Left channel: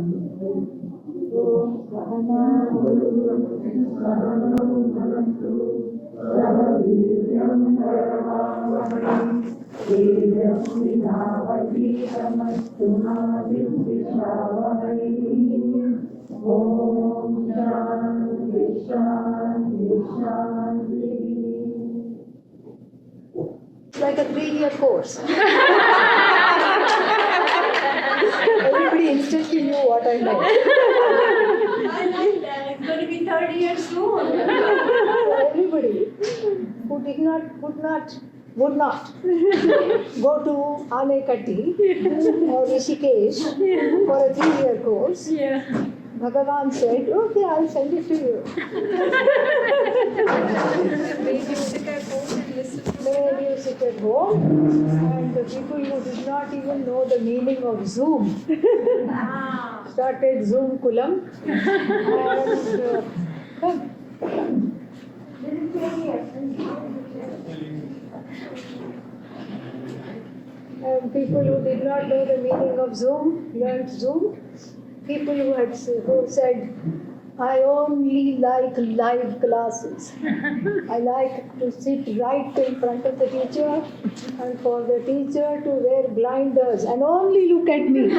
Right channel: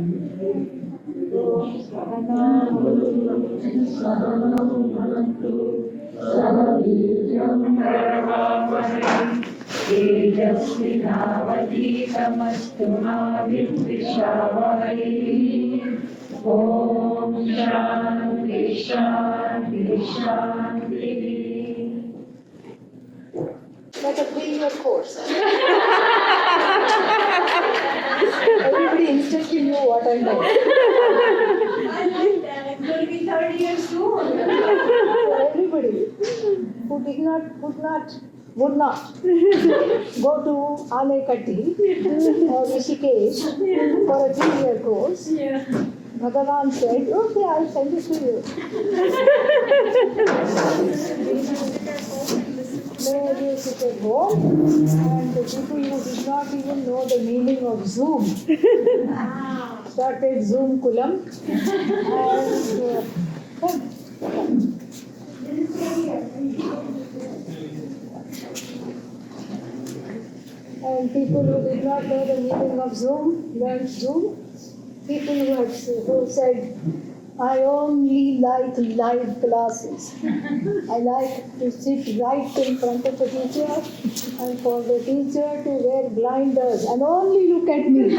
Om Svatmavidyananda Sahavidyam Karavamahai Tejasvinavaditamastu ma vidvishavahai. Om Shanti Shanti Shanti. Like a 3-year course. Everybody instantly knew what I meant. I like that. It's going to be 30 years soon. Everybody who would not go to Anekati or Rishikesh for a 3-year course. Yeah. Bhagavan said, okay, I'll send it to you. Where you sit at home, and the people who did not even know the meaning of Zoom started Zoom Kulam. And people who did not know the meaning of Zoom learned Zoom. People who said, I only like live classes. I like to sit right in front of the teacher and for the teacher to wear blinders and only look at me.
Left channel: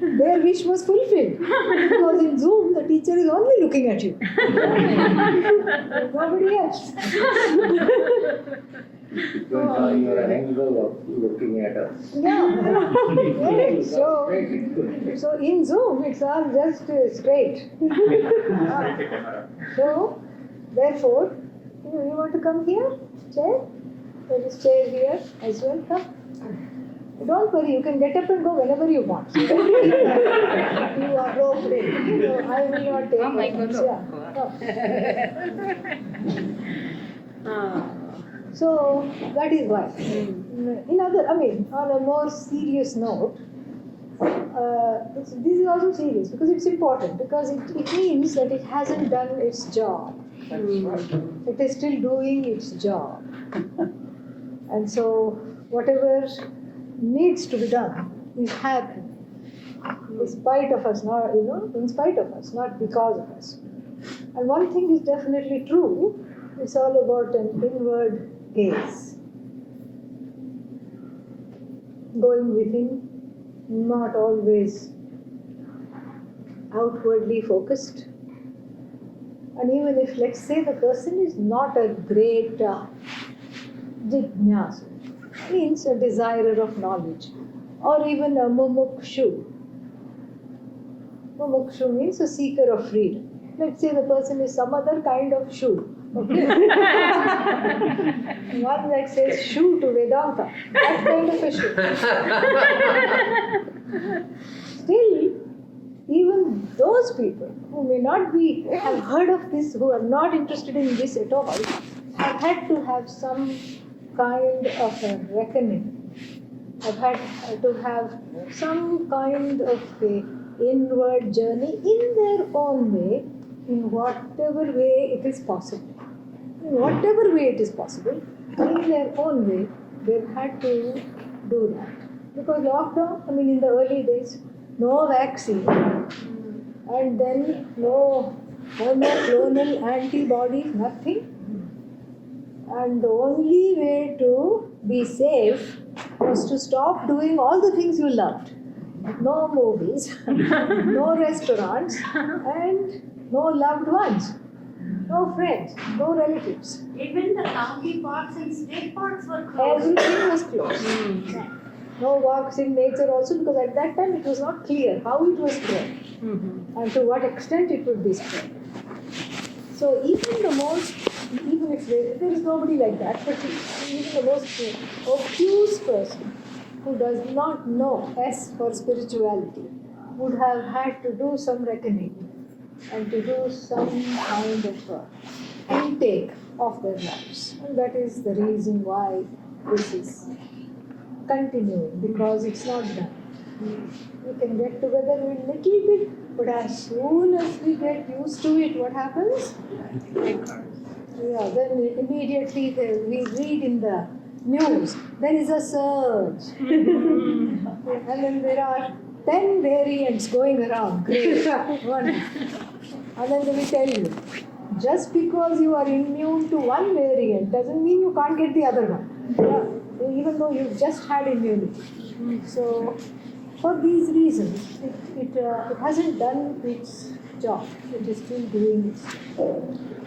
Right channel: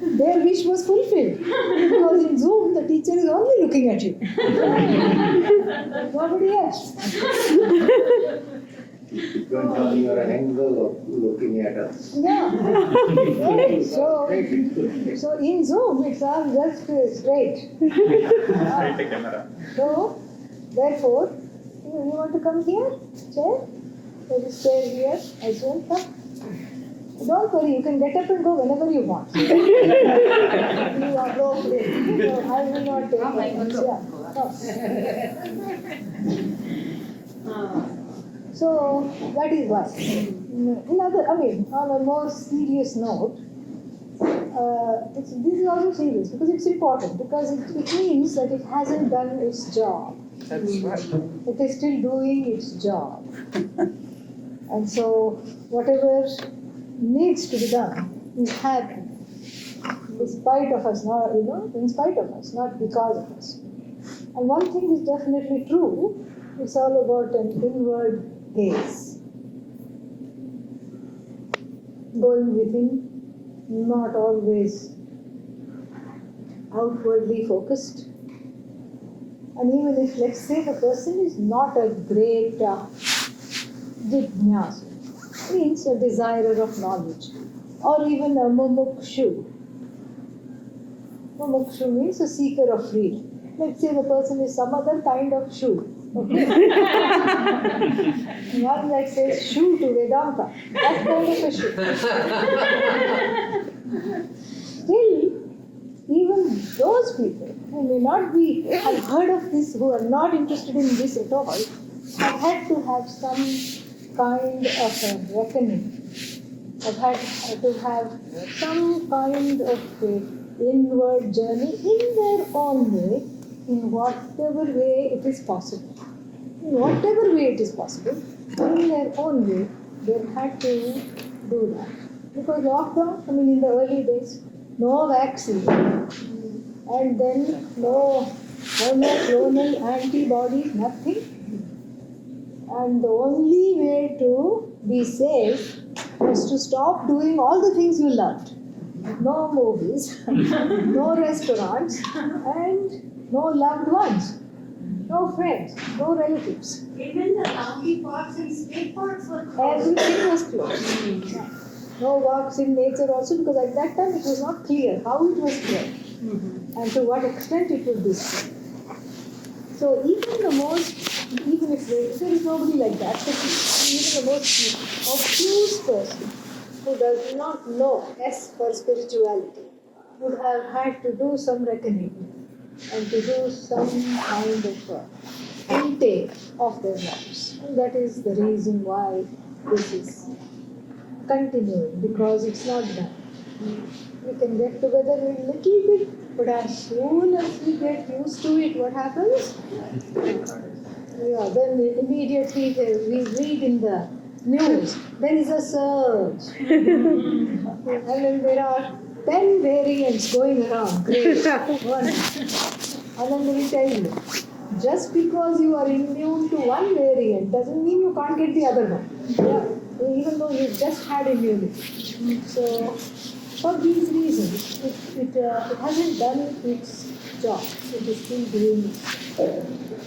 Their wish was fulfilled. Because in Zoom, the teacher is only looking at you. Nobody else. Depends on your angle of looking at us. Yeah. So in Zoom, it's all just straight. So, therefore, you want to come here? Chair? There is chair here as well. Come. Don't worry, you can get up and go whenever you want. You are no afraid. So I will not take offense. So that is why. On a more serious note, this is also serious because it's important, because it means that it hasn't done its job. That's right. It is still doing its job. And so whatever needs to be done is happening in spite of us, in spite of us, not because of us. And one thing is definitely true, it's all about an inward gaze. Going within, not always outwardly focused. And even if, let's say, the person is not a great jijnasu, means a desirer of knowledge, or even a mumukshu. Mumukshu means a seeker of freedom. Let's say the person is some other kind of shu. Okay? One that says shu to Vedanta. That kind of a shu. Still, even those people who may not have heard of this, who are not interested in this at all, have had to have some kind of a reckoning. I've had to have some kind of an inward journey in their own way, in whatever way it is possible. In whatever way it is possible, in their own way, they've had to do that. Because lockdown, in the early days, no vaccine, and then no monoclonal antibodies, nothing. And the only way to be safe was to stop doing all the things you loved. No movies, no restaurants, and no loved ones, no friends, no relatives. Even the county parks and state parks were closed. Everything was closed. No walks in nature also, because at that time it was not clear how it was spread and to what extent it would be spread. So even if there is nobody like that, but even the most obtuse person who does not know S for spirituality would have had to do some reckoning and to do some kind of intake of their lives. And that is the reason why this is continuing, because it's not done. We can get together a little bit, but as soon as we get used to it, what happens? Then immediately we read in the news, there is a surge. And then there are 10 variants going around. Great. One. And then we tell you, just because you are immune to one variant doesn't mean you can't get the other one. Yeah. Even though you just had immunity. So, for these reasons, it hasn't done its job. It is still doing it.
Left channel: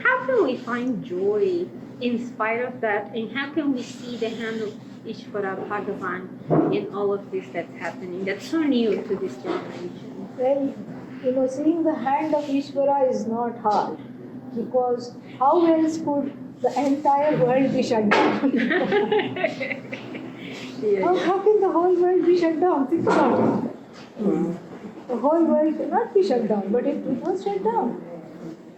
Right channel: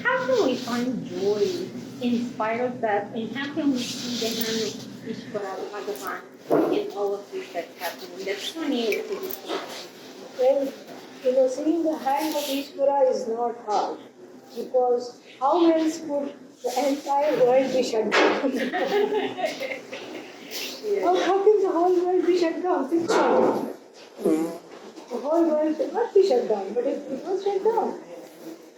How can we find joy in spite of that? And how can we see the hand of Ishvara Bhagavan in all of this that's happening? That's so new to this generation. Well, seeing the hand of Ishvara is not hard. Because how else could the entire world be shut down? How can the whole world be shut down? Think about it. The whole world cannot be shut down, but it was shut down.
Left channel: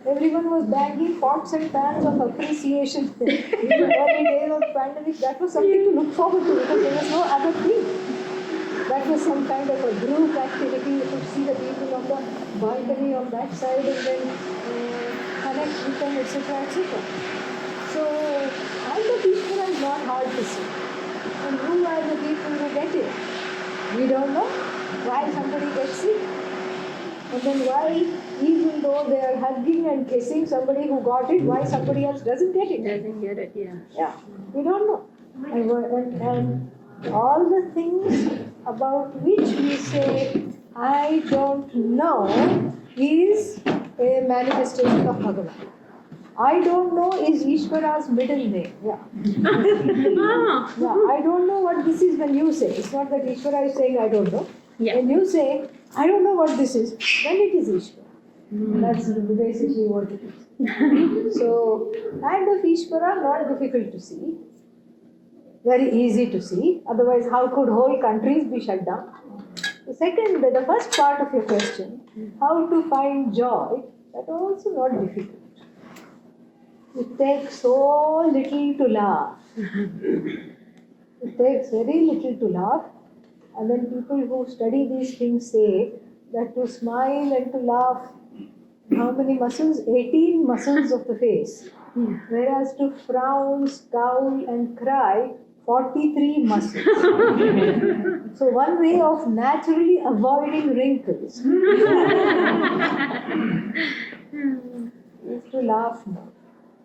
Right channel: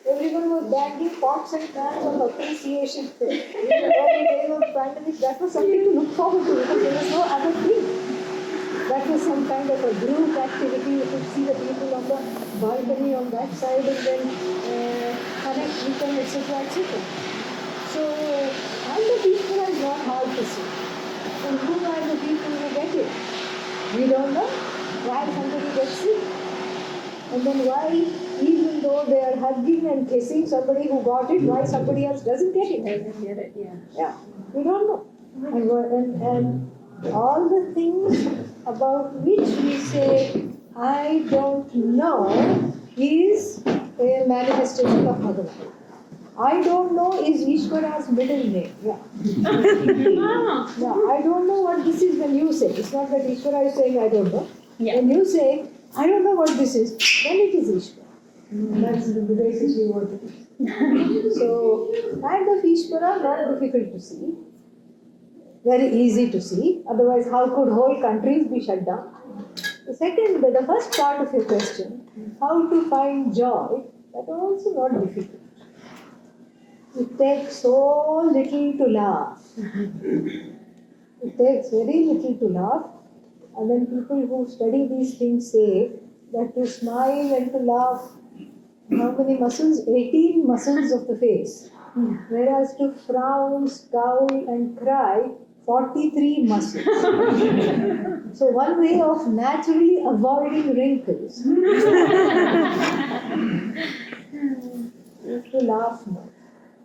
Everyone was banging pots and pans of appreciation. In the early days of the pandemic, that was something to look forward to because there was no other thing. That was some kind of a group activity. You could see the people on the balcony on that side and then connect with them, etc. etc. So, all the people are not hard to see. And who are the people who get it? We don't know why somebody gets sick. And then why, even though they are hugging and kissing somebody who got it, why somebody else doesn't get it? Doesn't get it, yeah. Yeah, we don't know. And all the things about which we say, I don't know, is a manifestation of Bhagavan. I don't know is Ishvara's middle name. Yeah. Yeah, I don't know what this is when you say. It's not that Ishvara is saying I don't know. Yeah. When you say, I don't know what this is, then it is Ishvara. That's basically what it is. So, hand of Ishvara, not difficult to see. Very easy to see. Otherwise, how could whole countries be shut down? The first part of your question, how to find joy, that also not difficult. It takes so little to laugh. It takes very little to laugh. And then people who study these things say that to smile and to laugh, how many muscles? 18 muscles of the face. Whereas to frown, scowl and cry, 43 muscles. So one way of naturally avoiding wrinkles is to laugh more.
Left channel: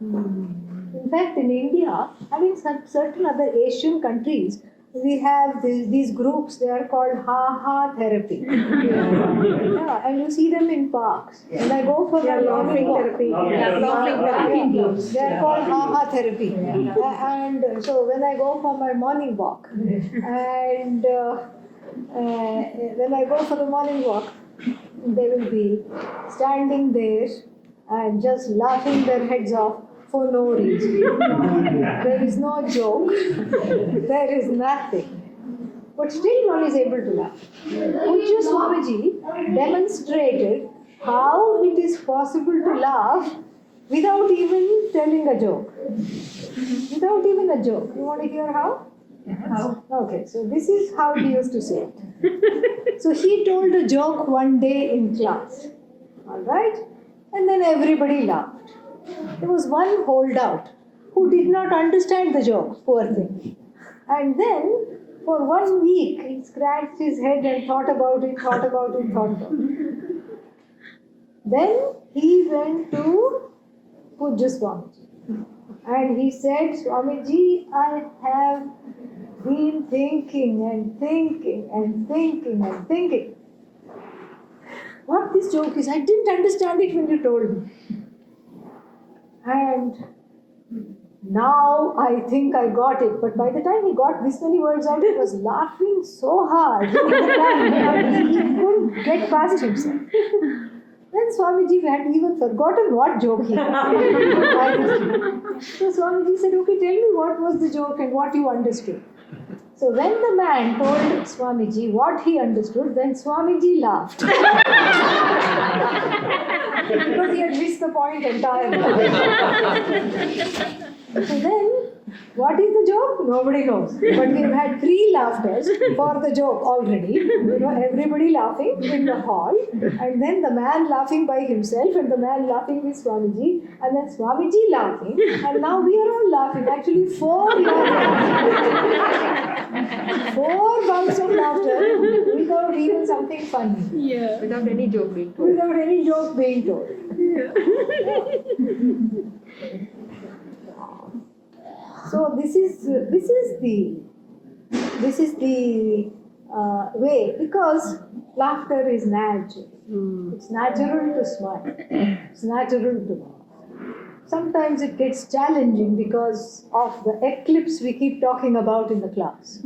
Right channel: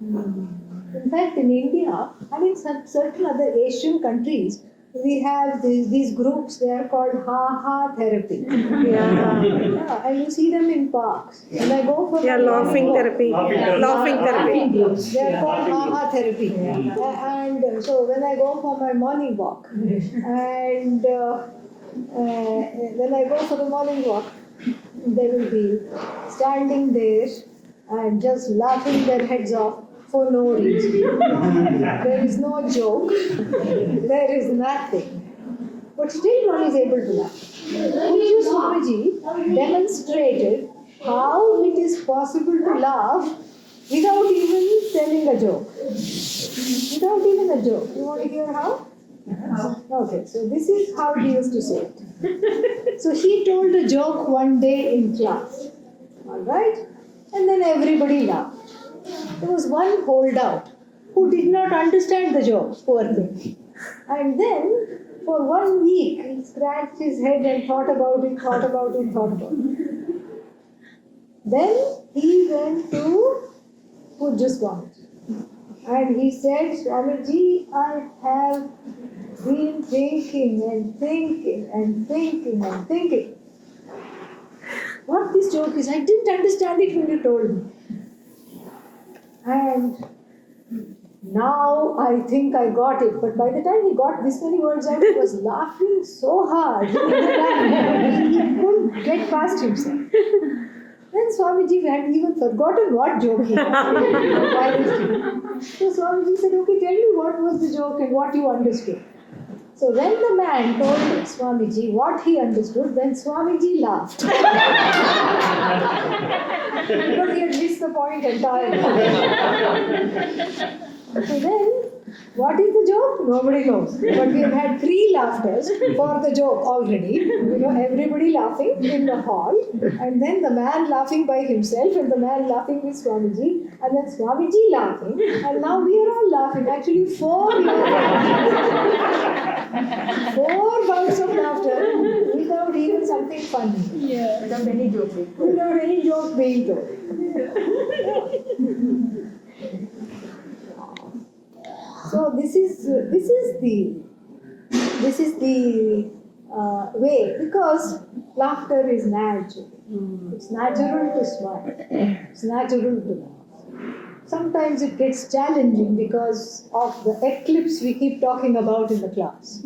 In fact, in India and in certain other Asian countries, we have these groups, they are called ha-ha therapy. Yeah, and you see them in parks. When I go for laughing therapy. Laughing therapy. They are called ha-ha therapy. And so when I go for my morning walk, and when I go for the morning walk, they will be standing there and just laughing their heads off for no reason. There is no joke. There is nothing. But still one is able to laugh. Pujya Swamiji demonstrated how it is possible to laugh without even telling a joke. Without even a joke. You want to hear how? How? Okay, so this is how he used to say it. So he told a joke one day in class. Alright? And then everybody laughed. There was one holdout who did not understand the joke, poor thing. And then, for 1 week, he scratched his head and thought about it. Then he went to Pujya Swamiji. And he said, Swamiji, I have been thinking what this joke is. I didn't understand it when you told me. And now I think I got it. But by the time he got this many words out, he was laughing so hard. He couldn't get past himself. Then Swamiji had even forgotten what joke he got. So Swamiji said, okay, tell me what was the joke and what you understood. So when the man told Swamiji what he understood, then Swamiji laughed. Because he had missed the point entirely. So then What is the joke? Nobody knows. But we have had 3 laughters for the joke already. Everybody laughing in the hall, and then the man laughing by himself, and the man laughing with Swamiji, and then Swamiji laughing, and now we are all laughing. Actually, 4 laughing. 4 bouts of laughter without even something funny. Yeah. Without any joke being told. Without any joke being told. So this is the way, because laughter is natural. It's natural to smile. It's natural to laugh. Sometimes it gets challenging because of the eclipse we keep talking about in the class.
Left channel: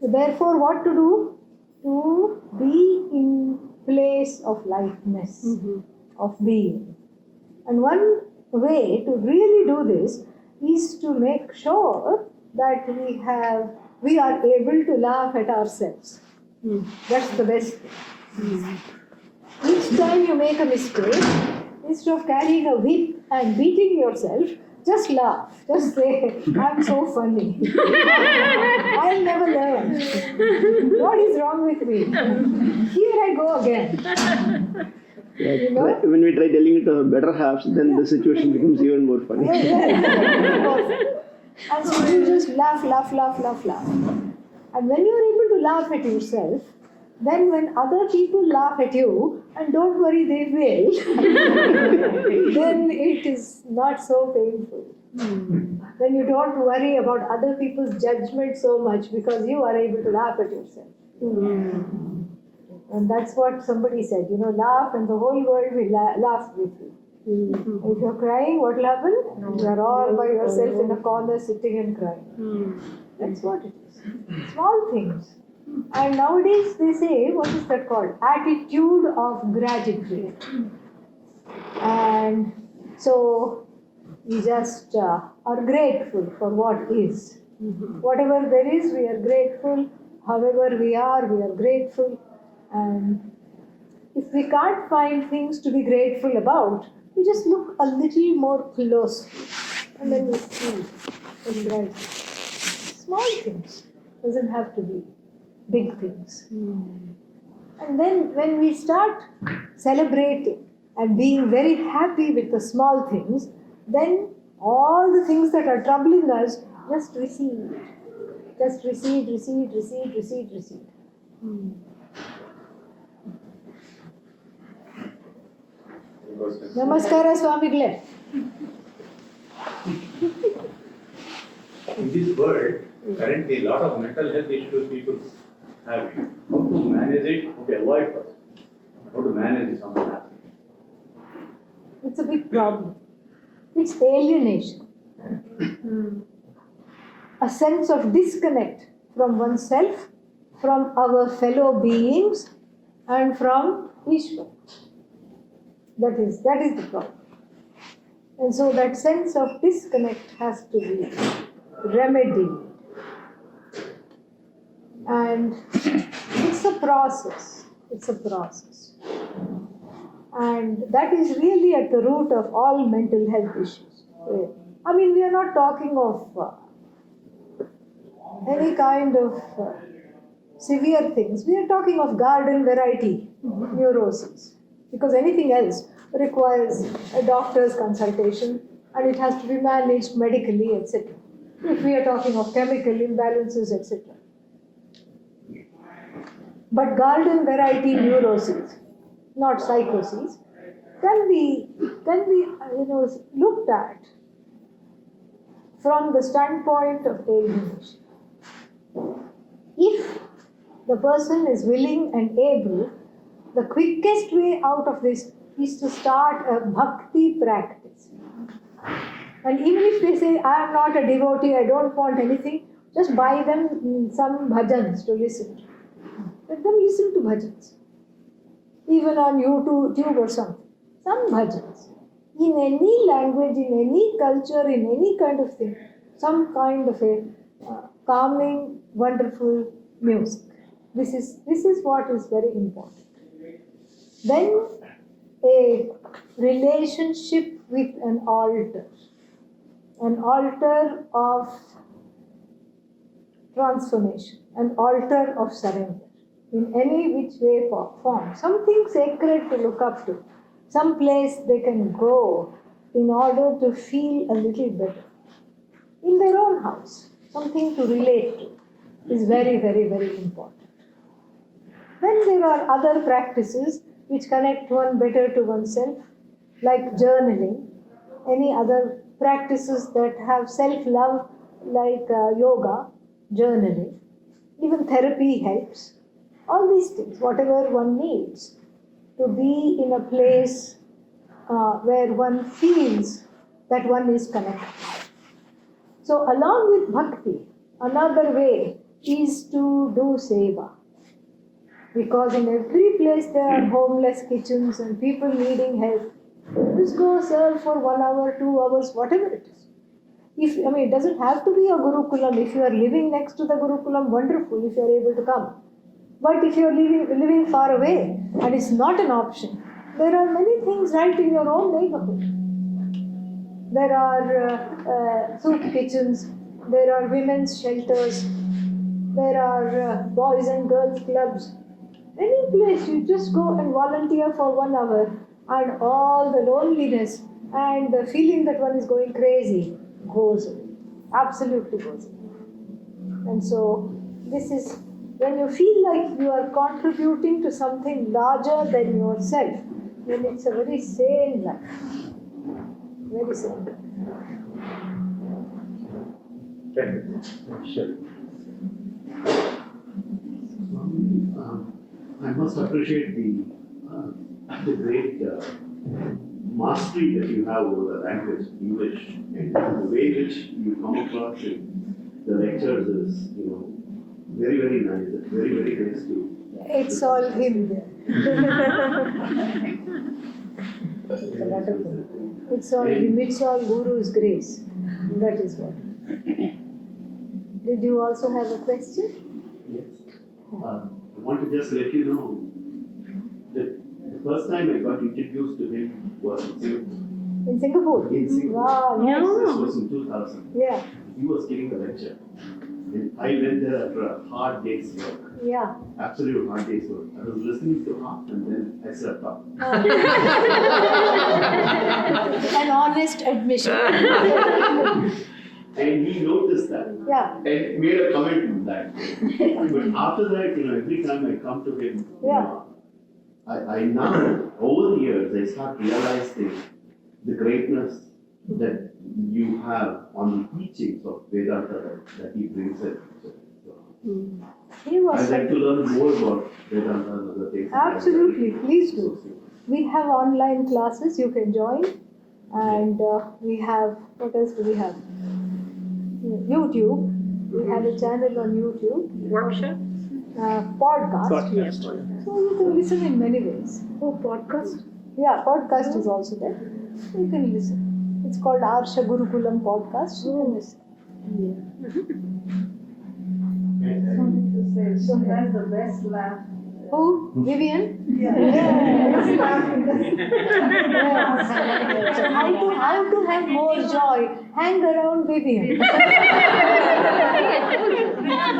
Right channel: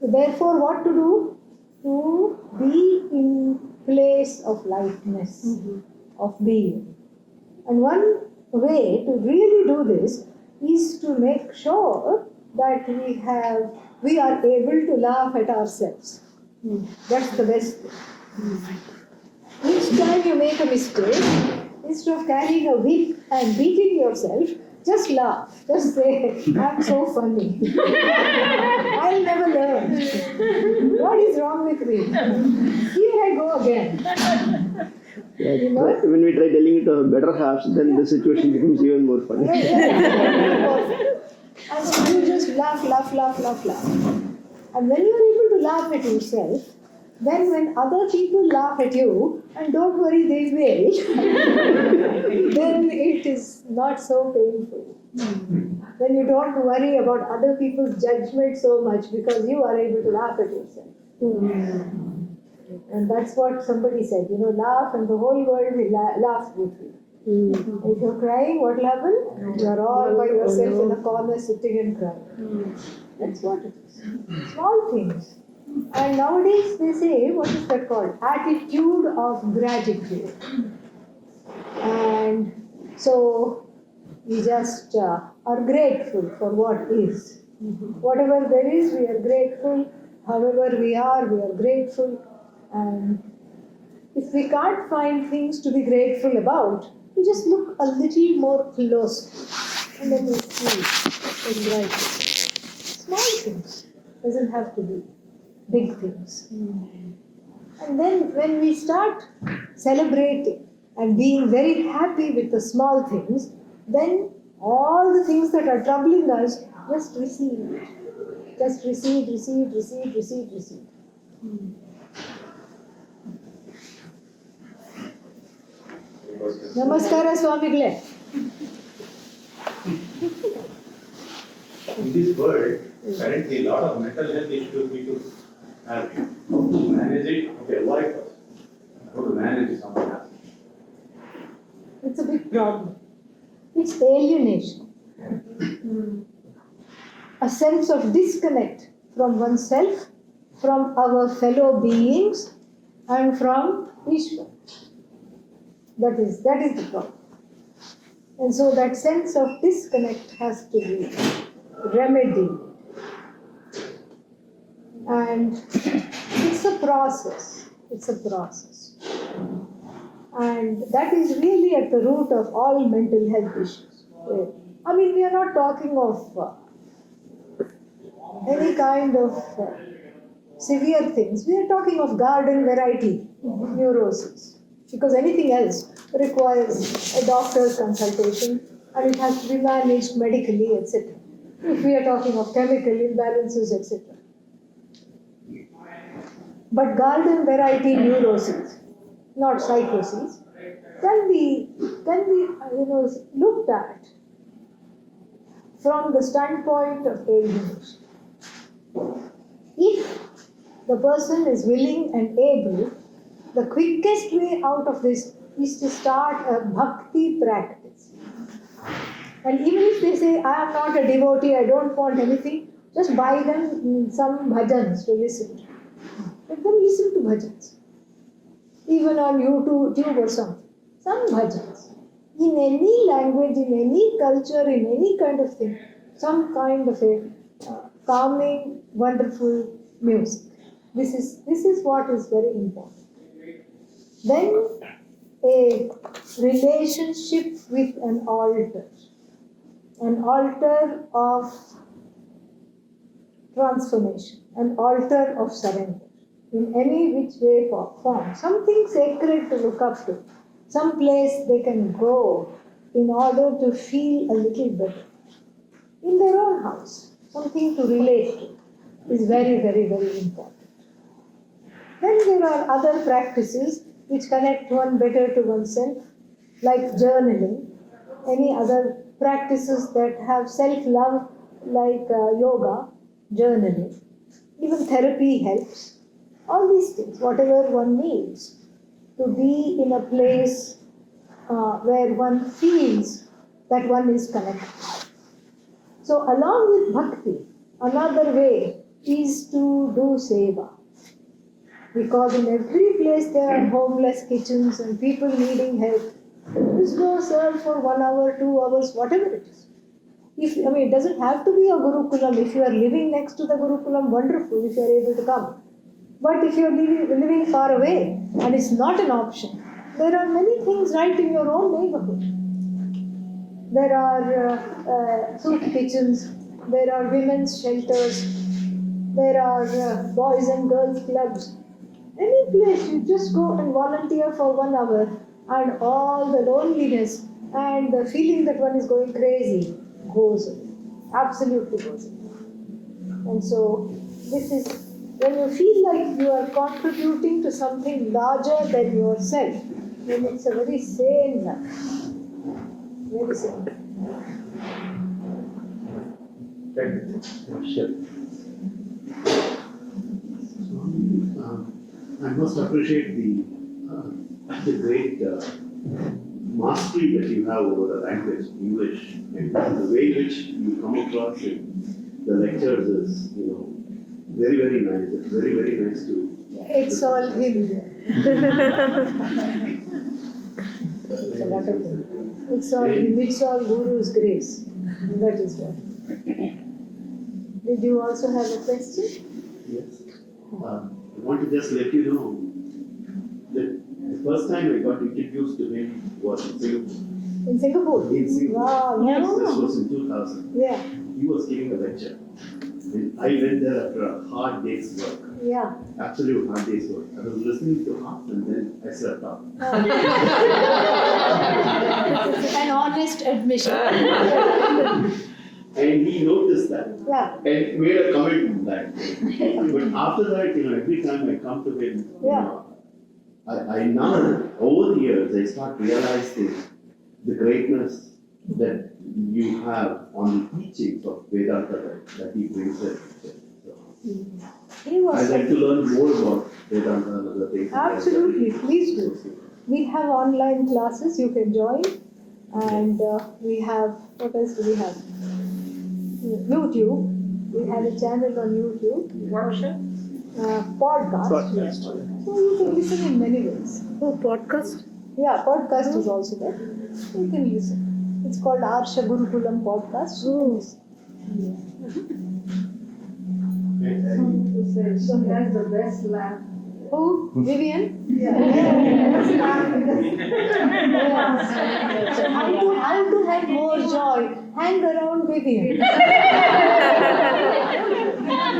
So therefore, what to do? To be in place of lightness, of being. And one way to really do this is to make sure that we are able to laugh at ourselves. That's the best thing. Each time you make a mistake, instead of carrying a whip and beating yourself, just laugh. Just say, I'm so funny. I'll never learn. What is wrong with me? Here I go again. When we try telling it to our better halves, then the situation becomes even more funny. And so you just laugh. And when you're able to laugh at yourself, then when other people laugh at you, and don't worry, they will, then it is not so painful. Then you don't worry about other people's judgment so much because you are able to laugh at yourself. And that's what somebody said, laugh and the whole world will laugh with you. If you're crying, what will happen? You're all by yourself in a corner sitting and crying. That's what it is. Small things. And nowadays they say, what is that called? Attitude of gratitude. And so we just are grateful for what is. Whatever there is, we are grateful. However we are grateful. And if we can't find things to be grateful about, we just look a little more closely. And then we see what's grateful. Small things. Doesn't have to be big things. And then when we start celebrating and being very happy with the small things, then all the things that are troubling us just recede. Just recede. Namaskara, Swamigle. In this world, currently a lot of mental health issues people have. How to manage it? Okay, avoid first. How to manage it someone else. It's a big problem. It's alienation. A sense of disconnect from oneself, from our fellow beings, and from Ishvara. That is the problem. And so that sense of disconnect has to be remedied. And it's a process. And that is really at the root of all mental health issues. I mean, we are not talking of any kind of severe things. We are talking of garden variety neurosis. Because anything else requires a doctor's consultation and it has to be managed medically, etc. If we are talking of chemical imbalances, etc. But garden variety neuroses, not psychoses, can be looked at from the standpoint of alienation. If the person is willing and able, the quickest way out of this is to start a bhakti practice. And even if they say, I am not a devotee, I don't want anything, just buy them some bhajans to listen to. Let them listen to bhajans. Even on YouTube or something. Some bhajans. In any language, in any culture, in any kind of thing. Some kind of a calming, wonderful music. This is what is very important. Then a relationship with an altar. an altar of transformation, an altar of surrender in any which way or form, something sacred to look up to, some place they can go in order to feel a little better. In their own house, something to relate to is very, very, very important. Then there are other practices which connect one better to oneself, like journaling, any other practices that have self-love, like yoga, journaling, even therapy helps. All these things, whatever one needs to be in a place where one feels that one is connected. So along with bhakti, another way is to do seva. Because in every place there are homeless kitchens and people needing help. Just go serve for 1 hour, 2 hours, whatever it is. It doesn't have to be a Gurukulam. If you are living next to the Gurukulam, wonderful if you are able to come. But if you are living far away and it's not an option, there are many things right in your own neighborhood. There are soup kitchens, there are women's shelters, there are boys and girls clubs. Any place you just go and volunteer for 1 hour and all the loneliness and the feeling that one is going crazy goes away. Absolutely goes away. And so this is when you feel like you are contributing to something larger than yourself, then it's a very sane life. Very sane. Sure. I must appreciate the great mastery that you have over the language, English, and the way in which you come across in the lectures is, very, very nice. It's very, very nice to. It's all him. It's all him. It's all Guru's grace. That is what. Did you also have a question? Yes. I want to just let you know that the first time I got introduced to him was in Singapore. In Singapore? In Singapore. Wow, nice. This was in 2000. Yeah, He was giving a lecture. And I went there after a hard day's work. yeah. Absolute hard day's work. I was listening to half and then I slept off. An honest admission. And he noticed that. Yeah, And made a comment on that. But after that, every time I come to him, I now, over the years, I start realizing the greatness that you have on the teachings of Vedanta that he brings it. he was. I'd like to learn more about Vedanta and other things. Absolutely, please do. We have online classes you can join, and we have, what else do we have? YouTube. We have a channel on YouTube. Workshop? Podcast. Podcast. So you can listen in many ways. Oh, podcast? Yeah, podcast is also there. You can listen. It's called Arsha Gurukulam Podcast. You can listen. So he has the best laugh. Who? Vivian? Yeah. So how to have more joy? Hang around Vivian.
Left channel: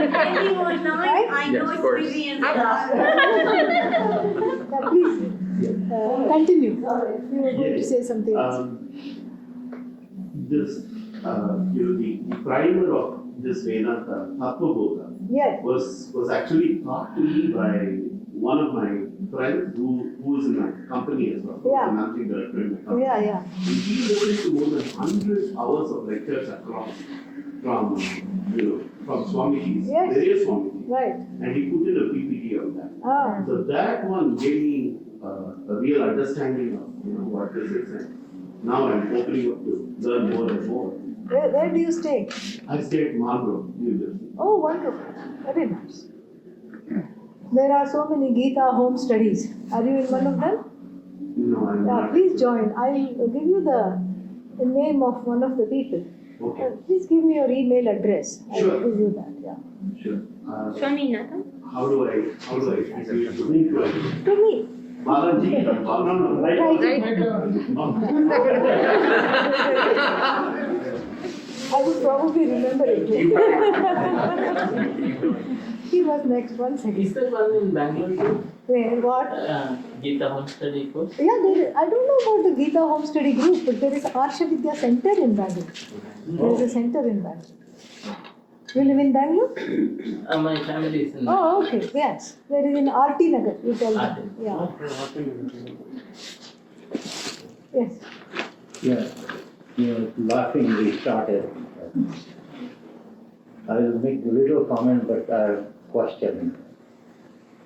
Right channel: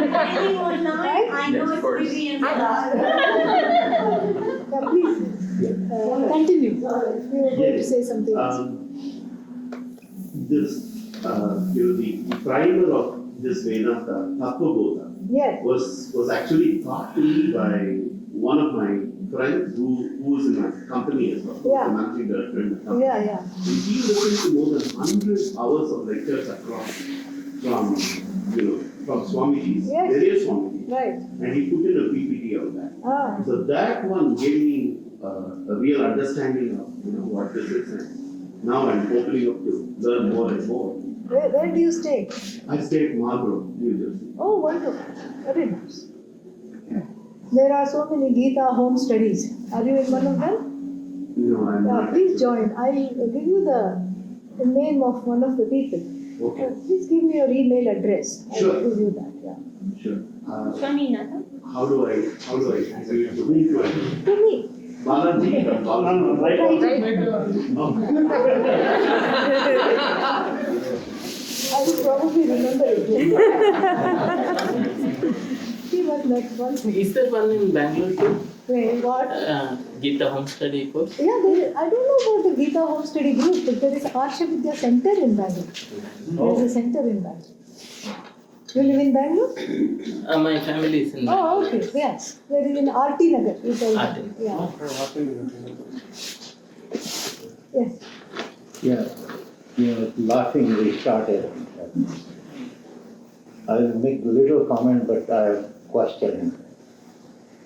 Depending on night, I know it's Vivian's laugh. Please continue. You were going to say something else. The primer of this Vedanta, Tattva-bodha, Yes. was actually taught to me by one of my friends who was in my company as well, Yeah. the managing director in my company. Yeah. And he listened to more than 100 hours of lectures across from Swamiji's, Yes. various Swamiji's, Right. and he put in a PPT of that. Ah. So that one gave me a real understanding of what this is, and now I'm opening up to learn more and more. Where do you stay? I stay at Marlborough, New Jersey. Oh, wonderful. Very nice. There are so many Gita home studies. Are you in one of them? No, I'm Yeah, not. please join. I will give you the name of one of the people. Okay, Please give me your email address. I Sure. will give you that. Yeah. sure. Swaminathan? How do I give it to me? To me. Balaji, right? Right. Oh. I would probably remember it. See what next one thing. Is there one in Bangalore too? Where, what? Gita Home Study course? Yeah, I don't know about the Gita Home Study Group, but there is a Harsha Vidya Center in Bangalore. There is a center in Bangalore. You live in Bangalore? My family is in Bangalore. Oh, okay, yes. There is in RT Nagar, you tell RT. me. Yeah. Yes. Yeah, laughing we started. I will make a little comment, but I have question.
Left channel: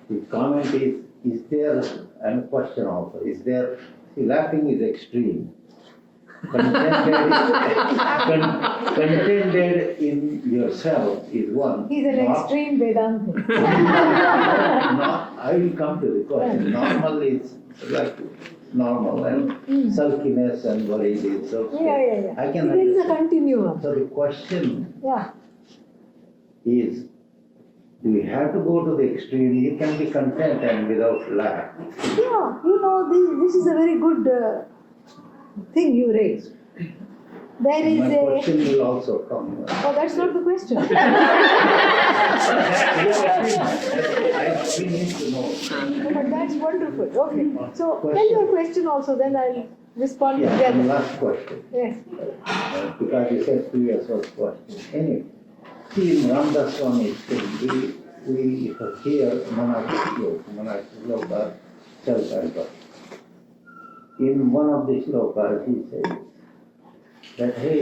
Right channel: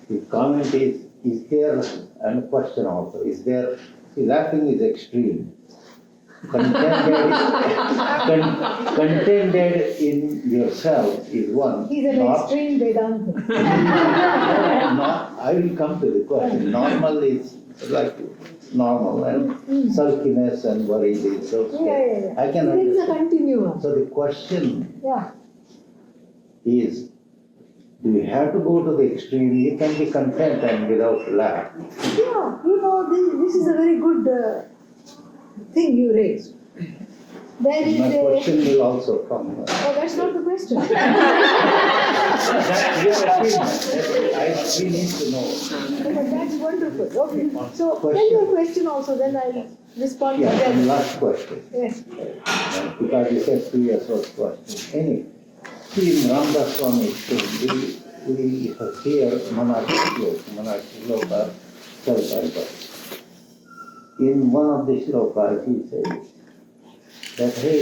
The comment is there, and a question also, is there, see, laughing is extreme. Contented in yourself is one. He's an Not- extreme Vedanta. I will come to the question. Normal is like normal and sulkiness and worry is okay. Yeah. I can It is a understand. continuum. So the question Yeah. is, do you have to go to the extreme? You can be content and without laugh. Yeah, this is a very good thing you raised. There is My a. question will also come. Oh, that's not the question. We need to know. But that's wonderful. Okay. So tell Question. your question also, then I'll respond Yeah, and together. last question. Yes. Because you said 2 years old question. Anyway, see in Ramdas Swami's thing, we hear Manaki Sloka, self-help. In one of the slokas, he says that, hey,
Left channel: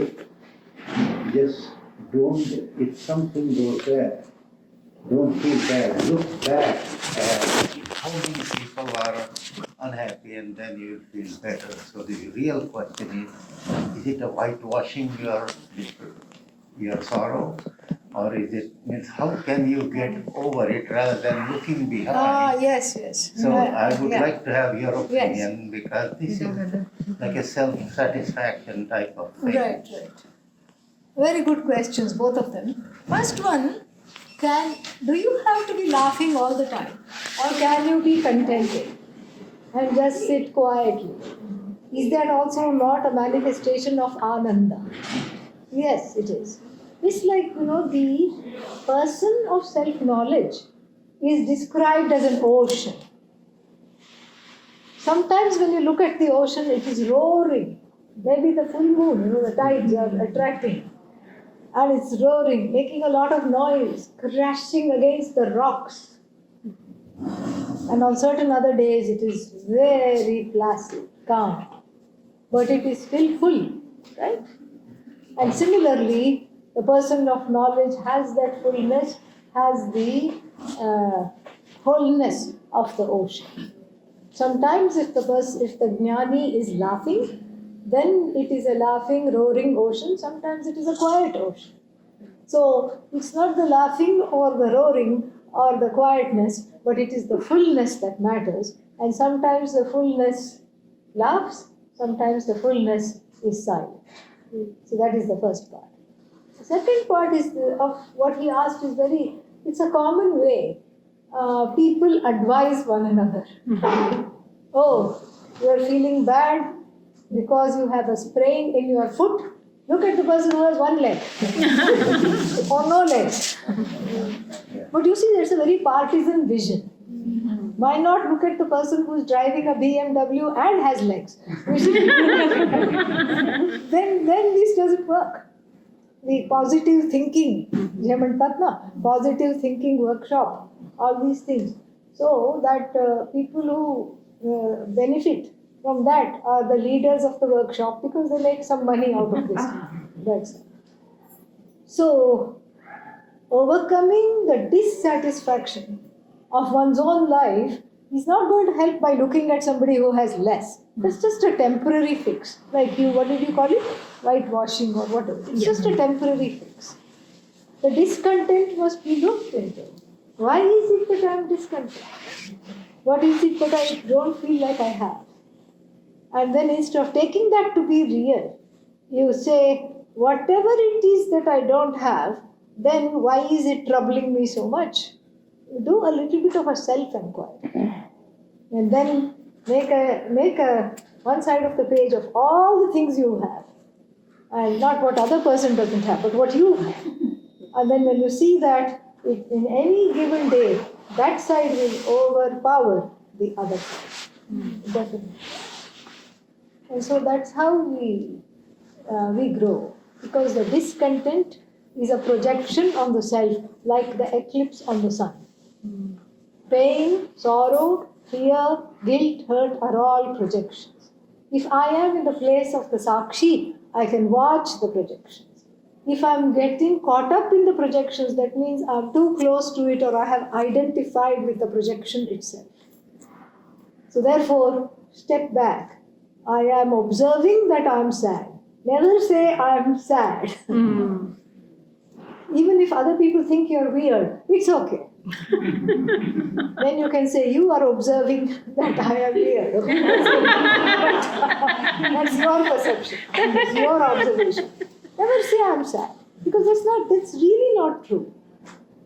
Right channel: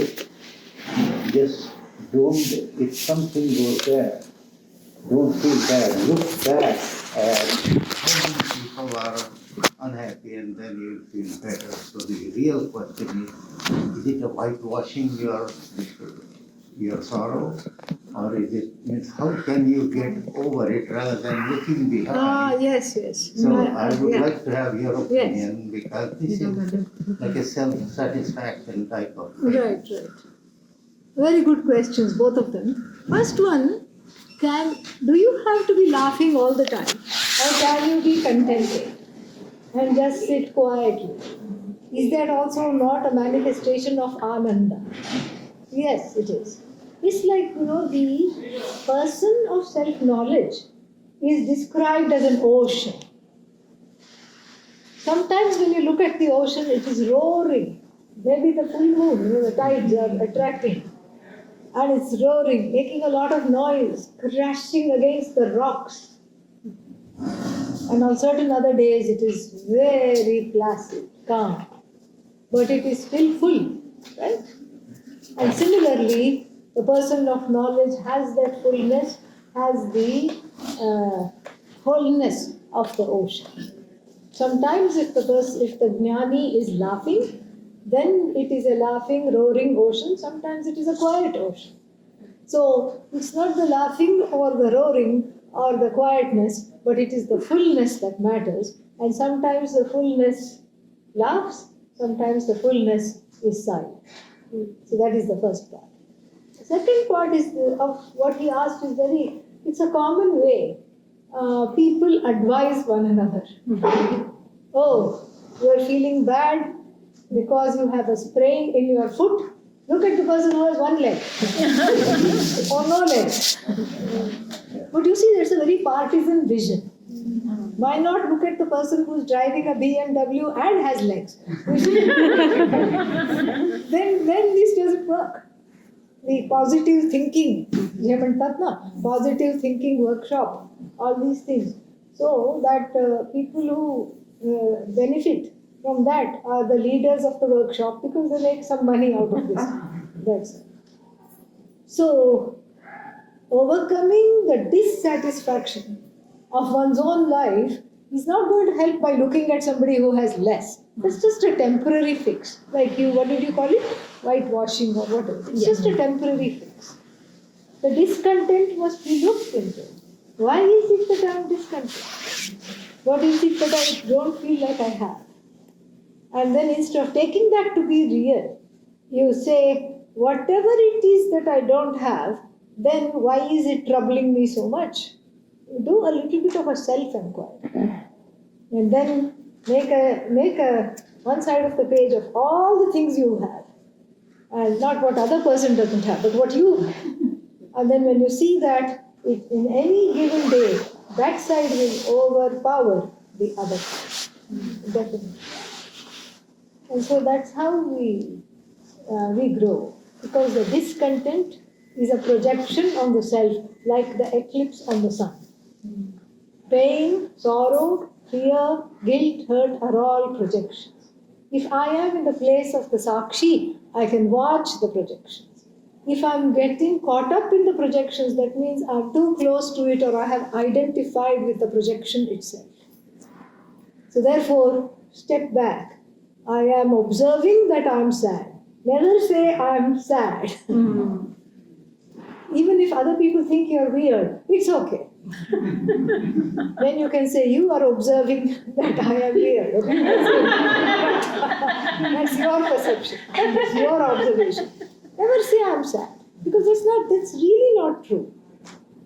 just don't, if something goes bad, don't feel bad. Look back at how many people are unhappy and then you will feel better. So the real question is it a whitewashing your sorrow? Or is it, means how can you get over it rather than looking behind? Yes. So I would yeah. like to have your opinion because this is like a self-satisfaction type of thing. Right. Very good questions, both of them. First one, do you have to be laughing all the time? Or can you be contented and just sit quietly? Is that also not a manifestation of Ananda? Yes, it is. It's like, the person of self-knowledge is described as an ocean. Sometimes when you look at the ocean, it is roaring. Maybe the full moon, the tides are attracting. And it's roaring, making a lot of noise, crashing against the rocks. And on certain other days, it is very placid, calm. But it is still full, right? And similarly, the person of knowledge has that fullness, has the wholeness of the ocean. Sometimes if the jnani is laughing, then it is a laughing, roaring ocean. Sometimes it is a quiet ocean. So it's not the laughing or the roaring or the quietness, but it is the fullness that matters. And sometimes the fullness laughs, sometimes the fullness is silent. So that is the first part. The second part is of what he asked is it's a common way. People advise one another. Oh, you are feeling bad because you have a sprain in your foot. Look at the person who has one leg or no legs. But you see, there's a very partisan vision. Why not look at the person who's driving a BMW and has legs? then this doesn't work. The positive thinking, positive thinking workshop, all these things. So that people who benefit from that are the leaders of the workshop because they make some money out of this. That's it. So, overcoming the dissatisfaction of one's own life is not going to help by looking at somebody who has less. It's just a temporary fix. Like what did you call it? Whitewashing or whatever. It's just a temporary fix. The discontent must be looked into. Why is it that I am discontent? What is it that I don't feel like I have? And then instead of taking that to be real, you say, whatever it is that I don't have, then why is it troubling me so much? Do a little bit of a self-inquiry. And then make a one side of the page of all the things you have. and not what other person doesn't have, but what you have. And then when you see that, in any given day, that side will overpower the other side. Definitely. And so that's how we grow, because the discontent is a projection on the self, like the eclipse on the sun. Pain, sorrow, fear, guilt, hurt are all projections. If I am in the place of the Sakshi, I can watch the projections. If I'm getting caught up in the projections, that means I'm too close to it, or I have identified with the projection itself. So therefore, step back. I am observing that I'm sad. Never say I'm sad. Even if other people think you're weird, it's okay. Then you can say, you are observing that I am weird. Okay? That's your perception. That's your observation. Never say I'm sad. Because that's really not true.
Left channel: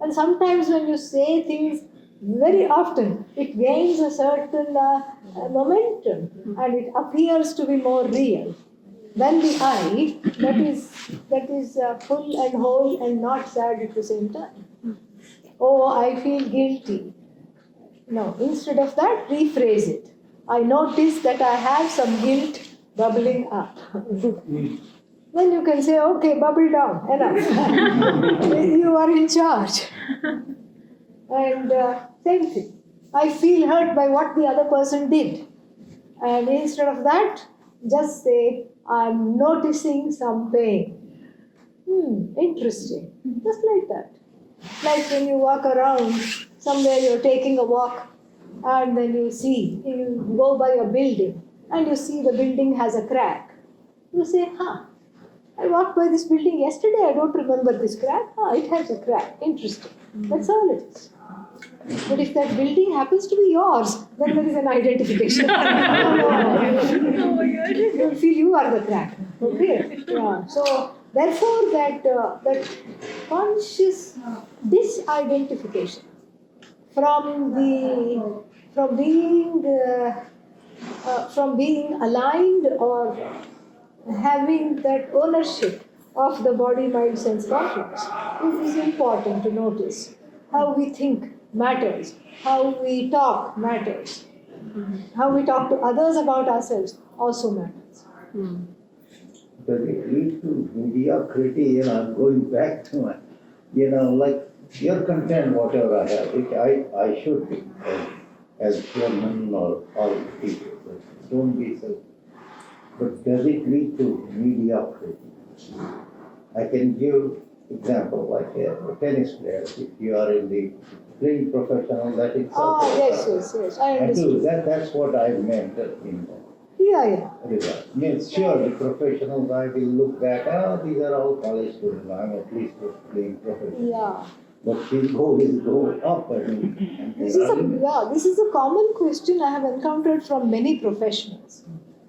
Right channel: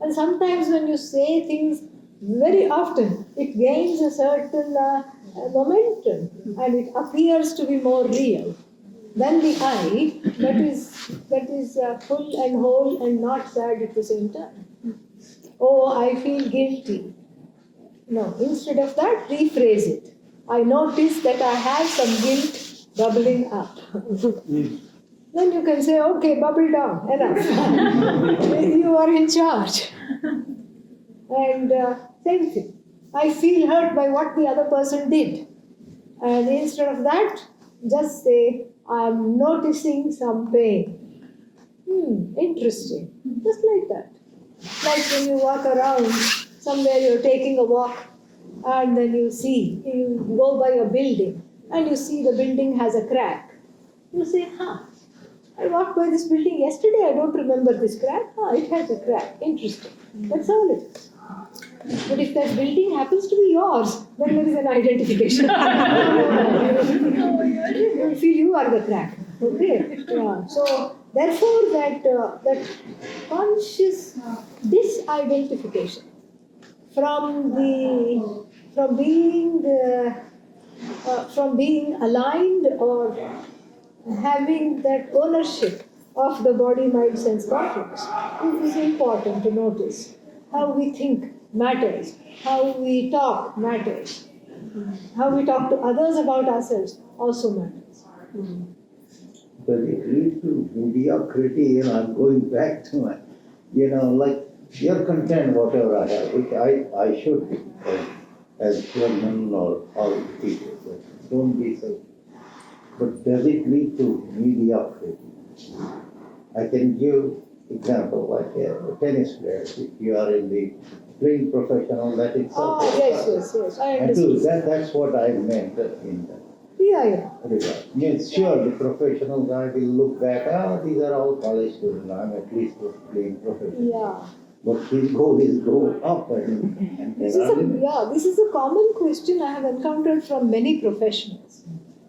And sometimes when you say things very often, it gains a certain momentum and it appears to be more real than the I that is full and whole and not sad at the same time. Oh, I feel guilty. No, instead of that, rephrase it. I notice that I have some guilt bubbling up. Then you can say, okay, bubble down, enough. You are in charge. And same thing. I feel hurt by what the other person did. And instead of that, just say, I'm noticing some pain. Interesting. Just like that. Like when you walk around, somewhere you're taking a walk, and then you go by a building, and you see the building has a crack. You say, I walked by this building yesterday, I don't remember this crack. It has a crack. Interesting. That's all it is. But if that building happens to be yours, then there is an identification. You feel you are the crack. Okay? Yeah. So therefore, that conscious disidentification from being aligned or having that ownership of the body, mind, sense complex is important to notice. How we think matters. How we talk matters. How we talk to others about ourselves also matters. But it leads to mediocrity, I'm going back to my, like, you're content whatever I have, which I should be as human or all people. But don't be so. But does it lead to mediocrity? I can give example like a tennis player. If you are in the playing professional, that itself. Yes, I understand. That's what I meant in that. Yeah. Regard. Means sure, the professional guy will look back, these are all college students, I'm at least playing professional. Yeah. But his goal is go up and This is a common question I have encountered from many professionals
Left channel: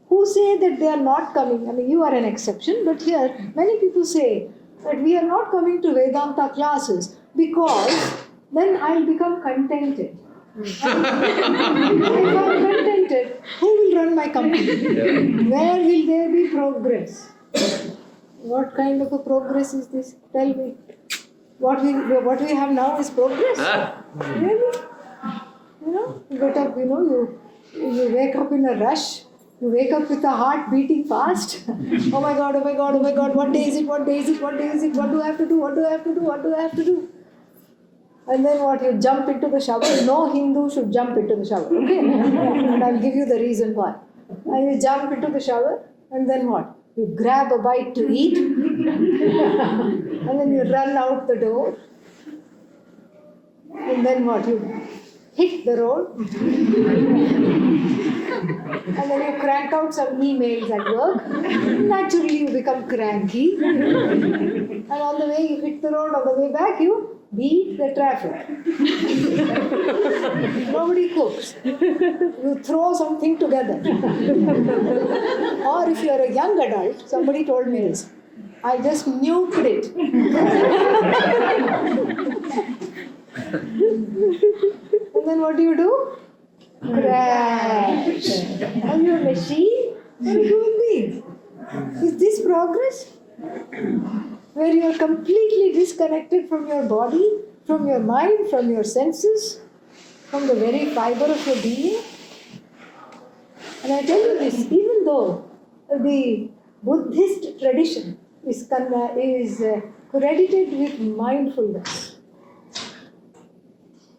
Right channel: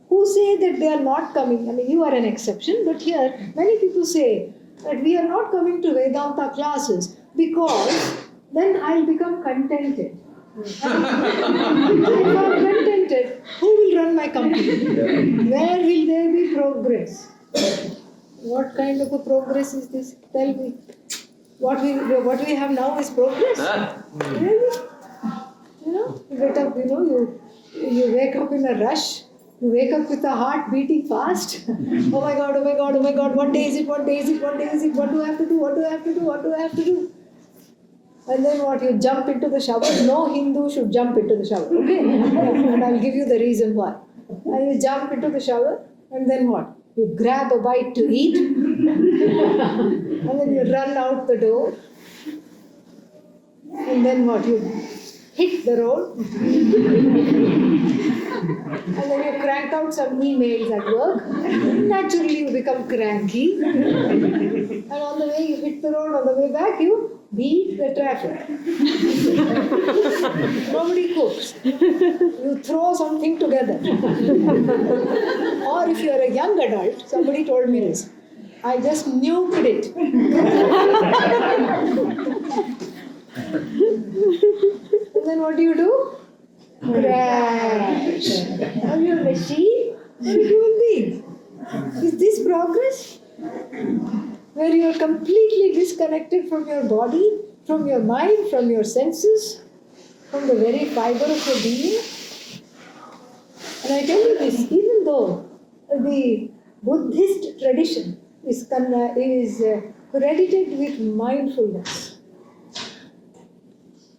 who say that they are not coming. I mean, you are an exception, but here many people say that we are not coming to Vedanta classes because then I'll become contented. If I'm contented, who will run my company? Where will there be progress? What kind of a progress is this? Tell me. What we have now is progress. Really? You get up, you wake up in a rush. You wake up with a heart beating fast. Oh my God, what day is it? What do I have to do? And then you jump into the shower. No Hindu should jump into the shower, okay? And I'll give you the reason why. And you jump into the shower, and then what? You grab a bite to eat, and then you run out the door. And then what? You hit the road. And then you crank out some emails at work. Naturally, you become cranky. And on the way you hit the road, on the way back, you beat the traffic. Nobody cooks. You throw something together. Or if you are a young adult, somebody told me this. I just nuked it. And then what do? Crash. Are you a machine or a human being? Is this progress? where you're completely disconnected from your body, from your mind, from your senses, from the very fiber of your being. And I tell you this, even though the Buddhist tradition is credited with mindfulness,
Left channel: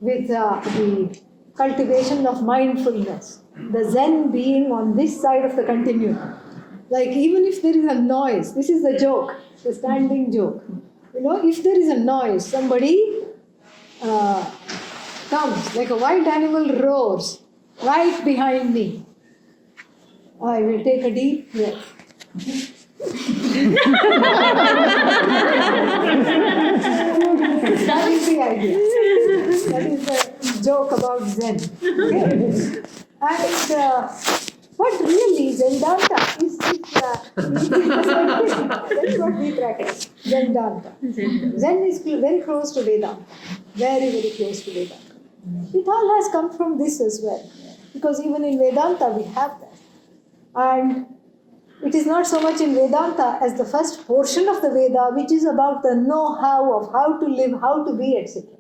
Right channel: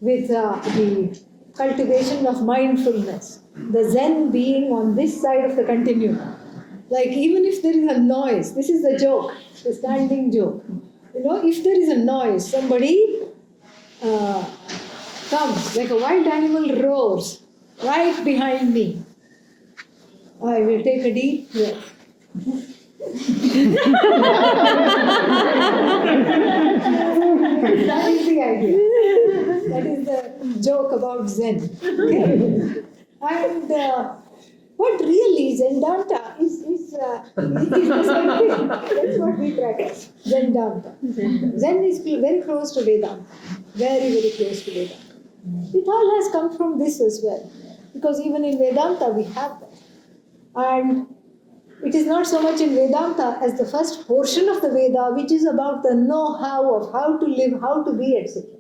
with the cultivation of mindfulness, the Zen being on this side of the continuum. Like even if there is a noise, this is the joke, the standing joke. You know, if there is a noise, somebody comes, like a wild animal roars right behind me. I will take a deep breath. That is the idea. That is the joke about Zen. Okay? And what really Zendanta is that's what we practice. Zendanta. Zen is very close to Vedanta. Very, very close to Vedanta. It all has come from this as well. Because even in Vedanta we have that. And it is not so much in Vedanta as the first portion of the Veda, which is about the know-how of how to live, how to be, etc.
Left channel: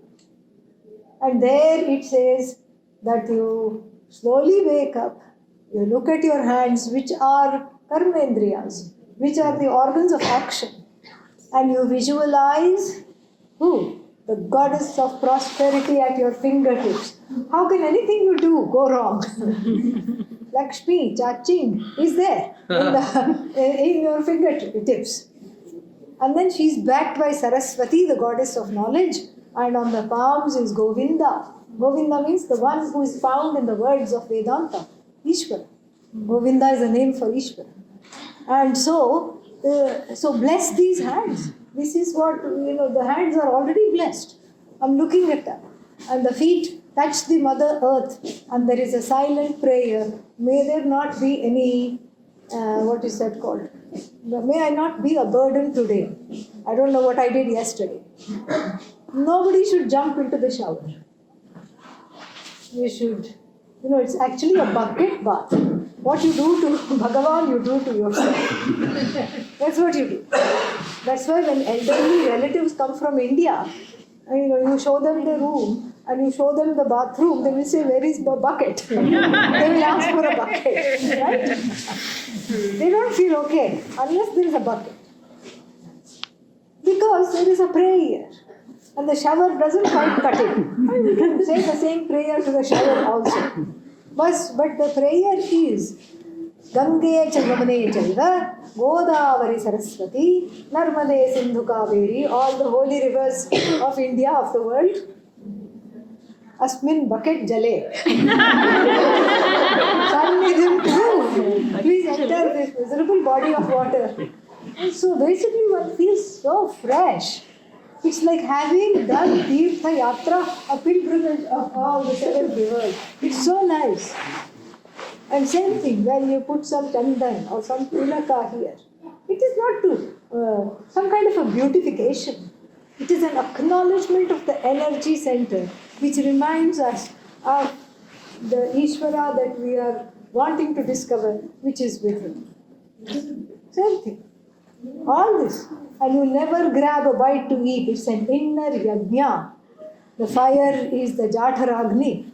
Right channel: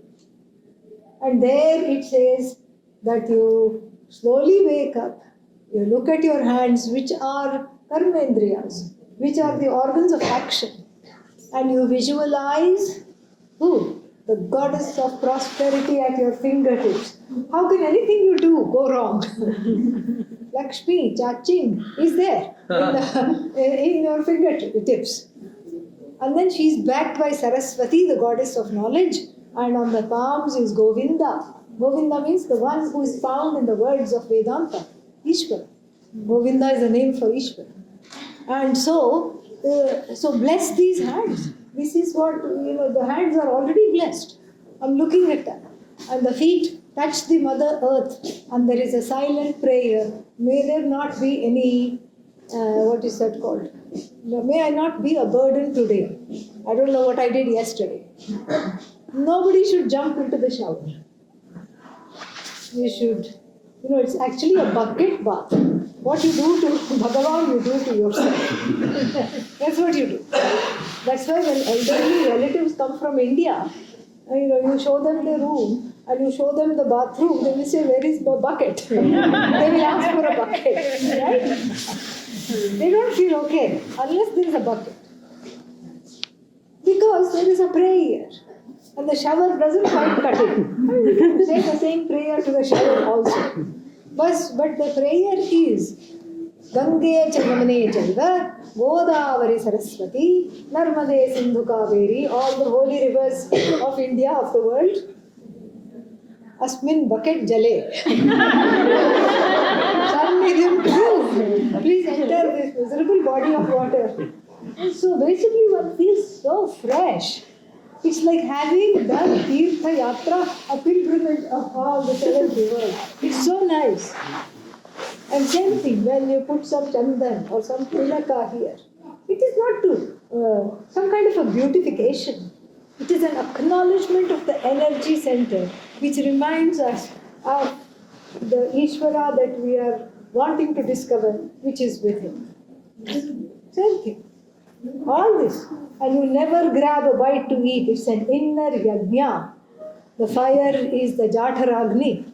And there it says that you slowly wake up, you look at your hands, which are karmendriyas, which are the organs of action, and you visualize who? The goddess of prosperity at your fingertips. How can anything you do go wrong? Lakshmi, Chaching is there in your fingertips. And then she is backed by Saraswati, the goddess of knowledge, and on the palms is Govinda. Govinda means the one who is found in the words of Vedanta, Ishvara. Govinda is the name for Ishvara. And so bless these hands. This is what, the hands are already blessed. I'm looking at them. And the feet touch the Mother Earth. And there is a silent prayer. May there not be any, what is that called? May I not be a burden today. I don't know what I did yesterday. Nobody should jump into the shower. You should, it's actually a bucket bath. What you do to Bhagavan, you do to yourself. That's what you do. That's why when elderly relatives come from India, you show them the room and you show them the bathroom, they will say, where is the bucket? They will ask for a bucket, right? They don't feel okay unless there is a bucket. Because there is a prayer. And the shower doesn't quite cut it. And we can say the same prayer to the shower also. But the prayer is Gange Chamane Chaiva, Godavari Saraswati, Narmade Sindhu Kaveri, all the holy rivers of India, of the world. Asmin bucket jale. Please enter this miserable body of water. And so basically one feels so fresh. It's like having done Tirtha Yatra, a pilgrimage of all the 7 rivers. It's so nice. And same thing, when you put some chandan or some tilaka here, it is not to some kind of a beautification. It is an acknowledgement of the energy center, which reminds us of the Ishvara that we are wanting to discover, which is within. Same thing. All this. And you never grab a bite to eat. It's an inner yajna. The fire is the Jataragni.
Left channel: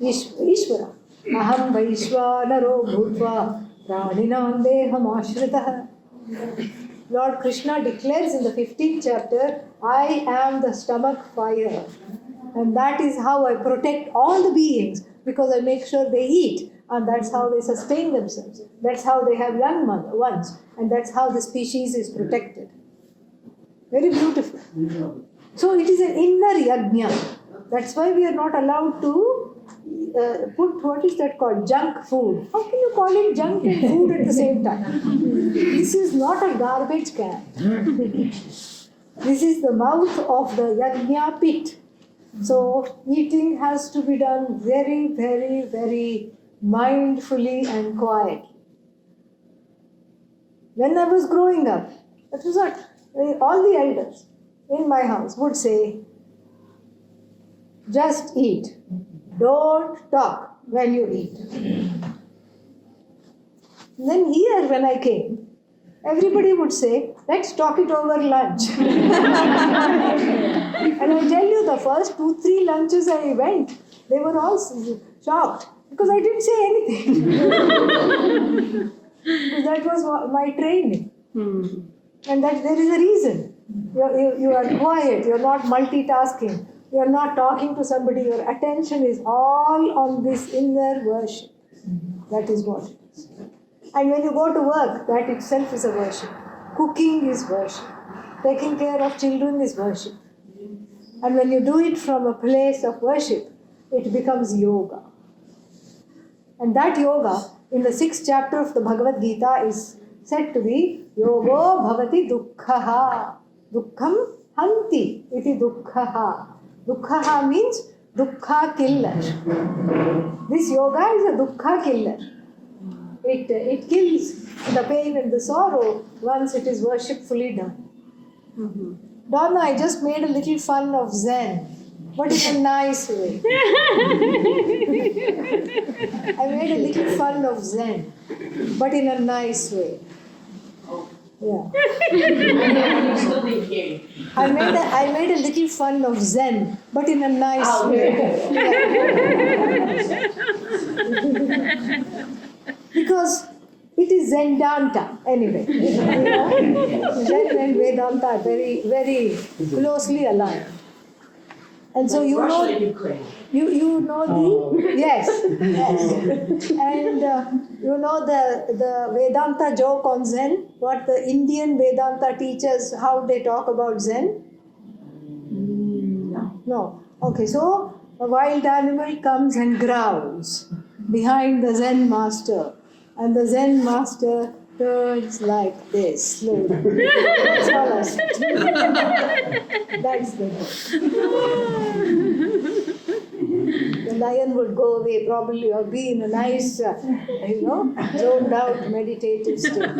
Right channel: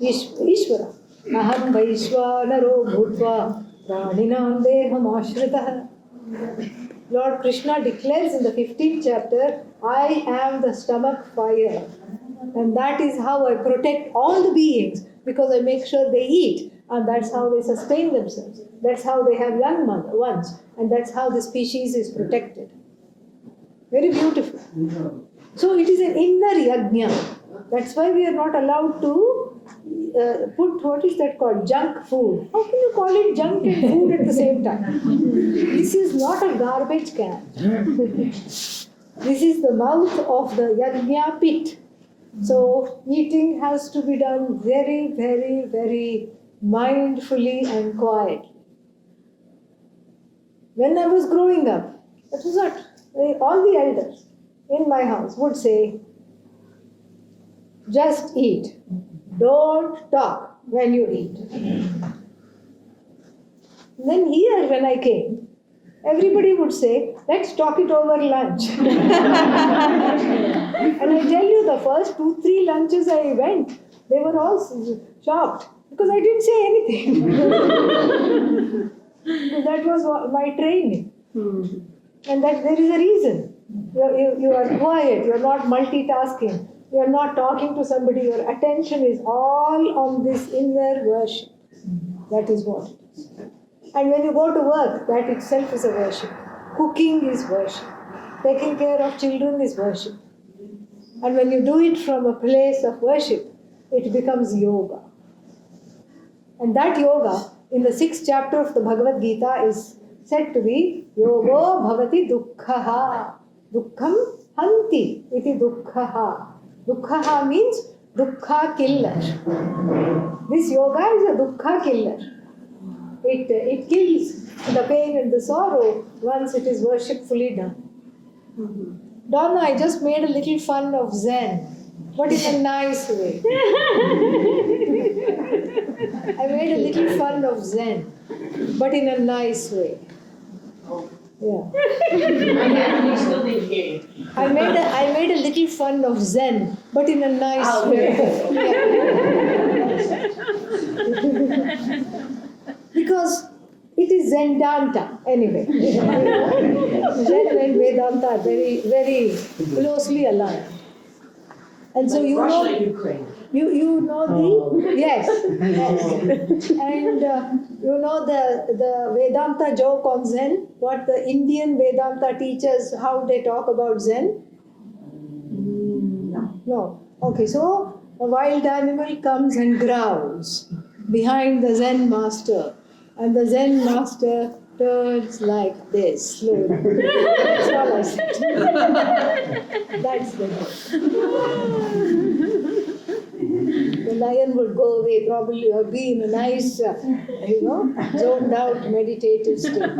Ishvara. Aham Vaishvanaro Bhutva Praninam Deham Ashritah. Lord Krishna declares in the 15th chapter, I am the stomach fire. And that is how I protect all the beings, because I make sure they eat. And that's how they sustain themselves. That's how they have young ones. And that's how the species is protected. Very beautiful. So it is an inner yajna. That's why we are not allowed to put, what is that called, junk food. How can you call it junk and food at the same time? This is not a garbage can. This is the mouth of the yajna pit. So eating has to be done very, very, very mindfully and quietly. When I was growing up, that was what all the elders in my house would say, just eat. Don't talk when you eat. Then here when I came, everybody would say, let's talk it over lunch. And I tell you, the first 2-3 lunches I went, they were all shocked because I didn't say anything. That was my training. And that there is a reason. You are quiet, you are not multitasking, you are not talking to somebody, your attention is all on this inner worship. That is what it is. And when you go to work, that itself is a worship. Cooking is worship. Taking care of children is worship. And when you do it from a place of worship, it becomes yoga. And that yoga, in the 6th chapter of the Bhagavad Gita, is said to be Yogo Bhavati Dukkhaha. Dukkham Hanti iti Dukkhaha. Dukkhaha means Dukkha killer. This yoga is a Dukkha killer. It kills the pain and the sorrow once it is worshipfully done. Donna, I just made a little fun of Zen, but in a nice way. I made a little fun of Zen, but in a nice way. Yeah. I made a little fun of Zen, but in a nice way. Because it is Zendanta anyway. Zen and Vedanta are very, very closely aligned. And so you know, you know the yes. And you know the Vedanta joke on Zen. What the Indian Vedanta teachers, how they talk about Zen. No. Okay, so a wild animal comes and growls behind the Zen master, and the Zen master turns like this slowly. That's all I said. That's the joke. The lion would go away probably, or be in a nice, zoned out meditative state.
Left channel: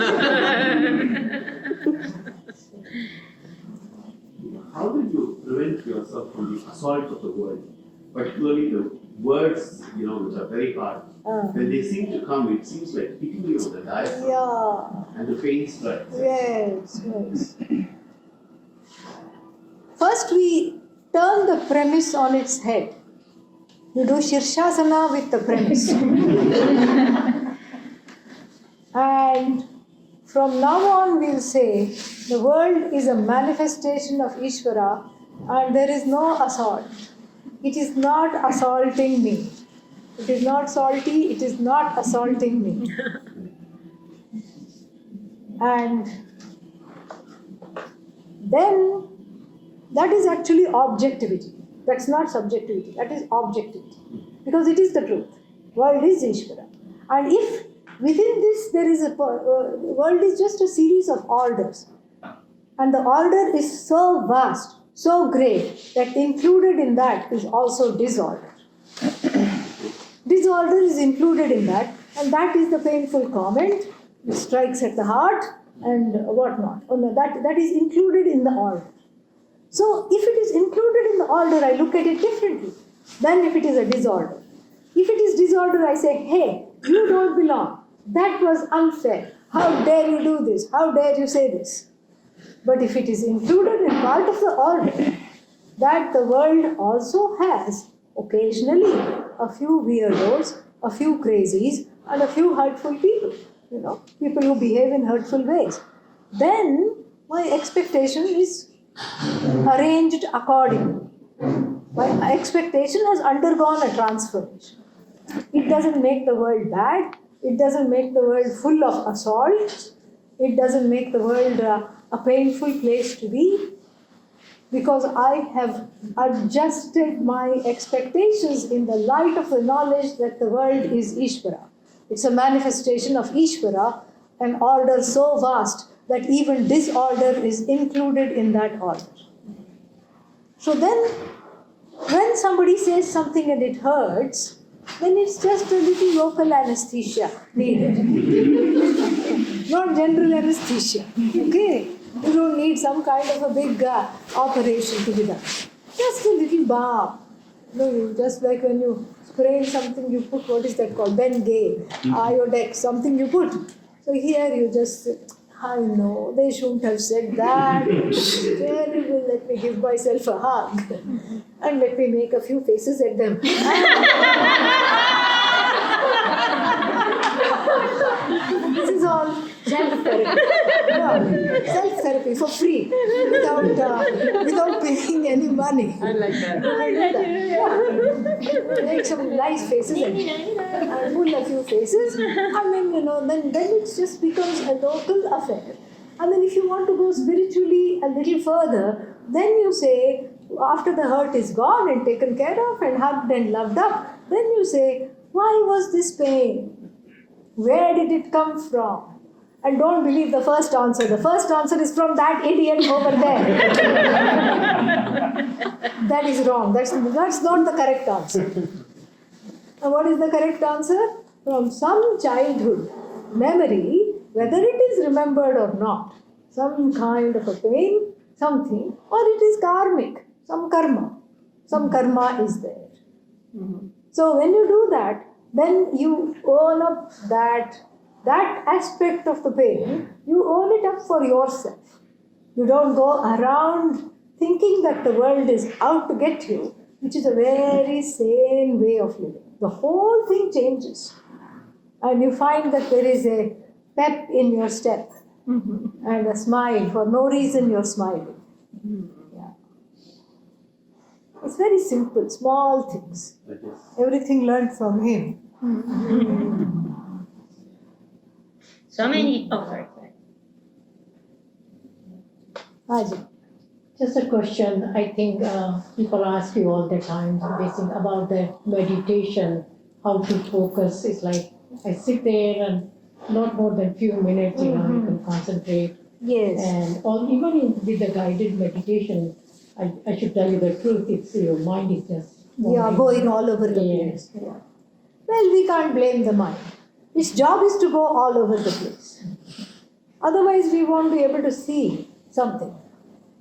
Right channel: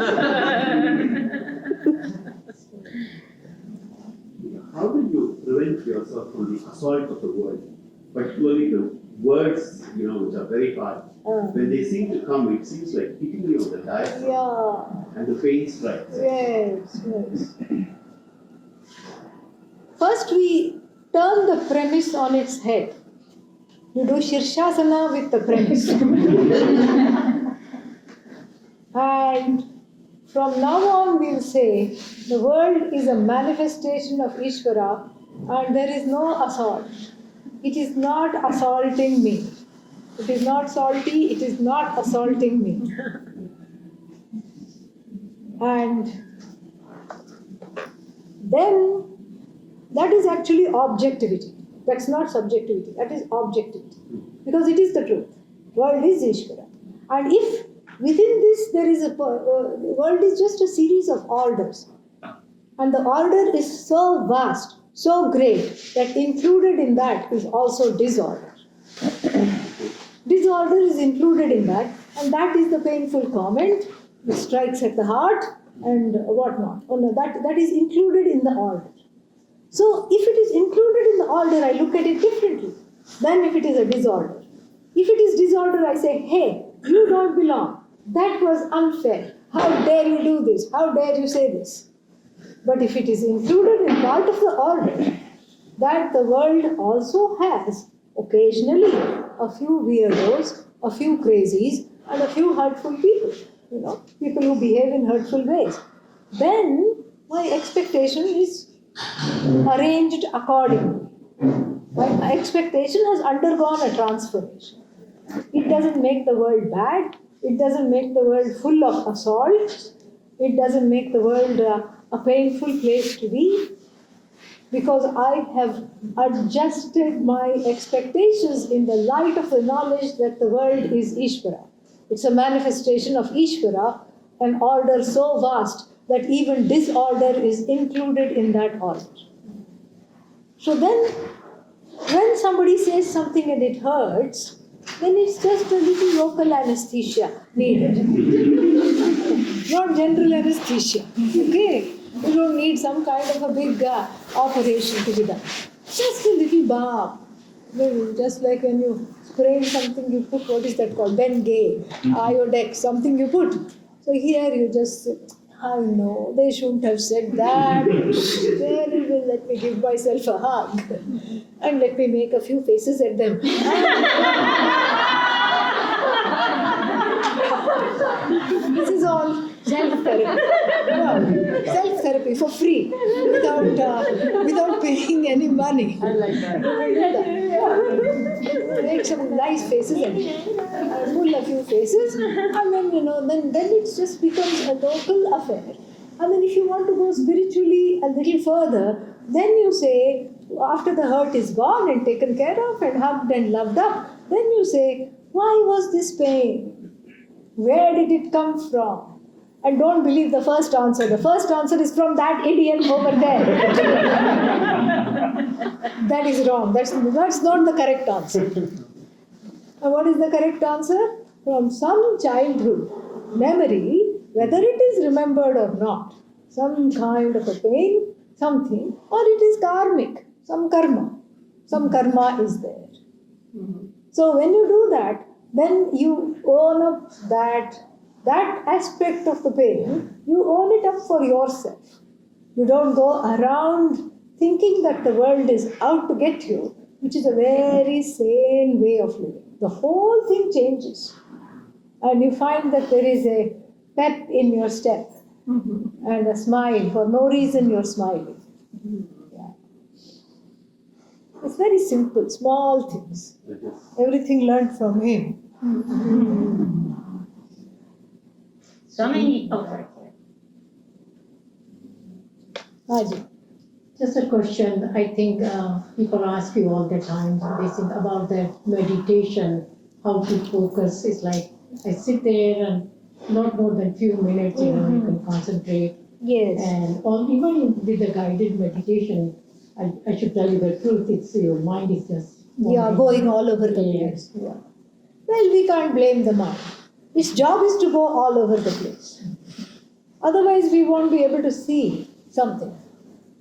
How do you prevent yourself from the assault of the world? Particularly the words, which are very hard. When they seem to come, it seems like hitting you on the diaphragm. Yeah. And the pain strikes. Yes. First, we turn the premise on its head. You do Shirshasana with the premise. And from now on, we'll say the world is a manifestation of Ishvara and there is no assault. It is not assaulting me. It is not salty, it is not assaulting me. And then that is actually objectivity. That's not subjectivity, that is objectivity. Because it is the truth. World is Ishvara. And if within this there is the world is just a series of orders. And the order is so vast, so great, that included in that is also disorder. Disorder is included in that, and that is the painful comment. It strikes at the heart and whatnot. Oh no, that is included in the order. So if it is included in the order, I look at it differently than if it is a disorder. If it is disorder, I say, hey, you don't belong. That was unfair. How dare you do this? How dare you say this? But if it is included in part of the order, that the world also has occasionally a few weirdos, a few crazies, and a few hurtful people, people who behave in hurtful ways, then my expectation is arranged accordingly. My expectation has undergone a transformation. It doesn't make the world bad. It doesn't make the world full of assault. It doesn't make the world a painful place to be. Because I have adjusted my expectations in the light of the knowledge that the world is Ishvara. It's a manifestation of Ishvara, an order so vast that even disorder is included in that order. So then, when somebody says something and it hurts, then it's just a little local anesthesia needed. Not general anesthesia, okay? You don't need some kind of a big operation to be done. Just a little balm. Just like when you spray something, you put, what is that called? Bengay, Iodex, something you put. So here you just I know, they shouldn't have said that. Terrible, let me give myself a hug. And let me make a few faces at them. This is all self-therapy. No, self-therapy for free, without paying any money. I like that. Make some nice faces and pull a few faces, and then it just becomes a local affair. And then if you want to go spiritually a little further, then you say, after the hurt is gone and taken care of and hugged and loved up, then you say, why was this pain? Where did it come from? And don't believe the first answer. The first answer is from that idiot over there. That is wrong. That's not the correct answer. And what is the correct answer? From some childhood memory, whether it is remembered or not, some kind of a pain, something, or it is karmic, some karma. Some karma is there. So when you do that, then you own up that aspect of the pain, you own it up for yourself. You don't go around thinking that the world is out to get you, which is a very sane way of living. The whole thing changes. And you find that there is a pep in your step and a smile. For no reason you're smiling. Yeah. It's very simple, small things. Everything learned from him. So many. Oh, sorry. Ajay. Just a question. I think people ask you all the time about the meditation, how to focus. It's like I sit there and not more than few minutes, you can concentrate. Yes. And even with the guided meditation, I should tell you the truth, it's your mind is just Going all over the place. Yeah. Well, we can't blame the mind. Its job is to go all over the place. Otherwise, we won't be able to see something.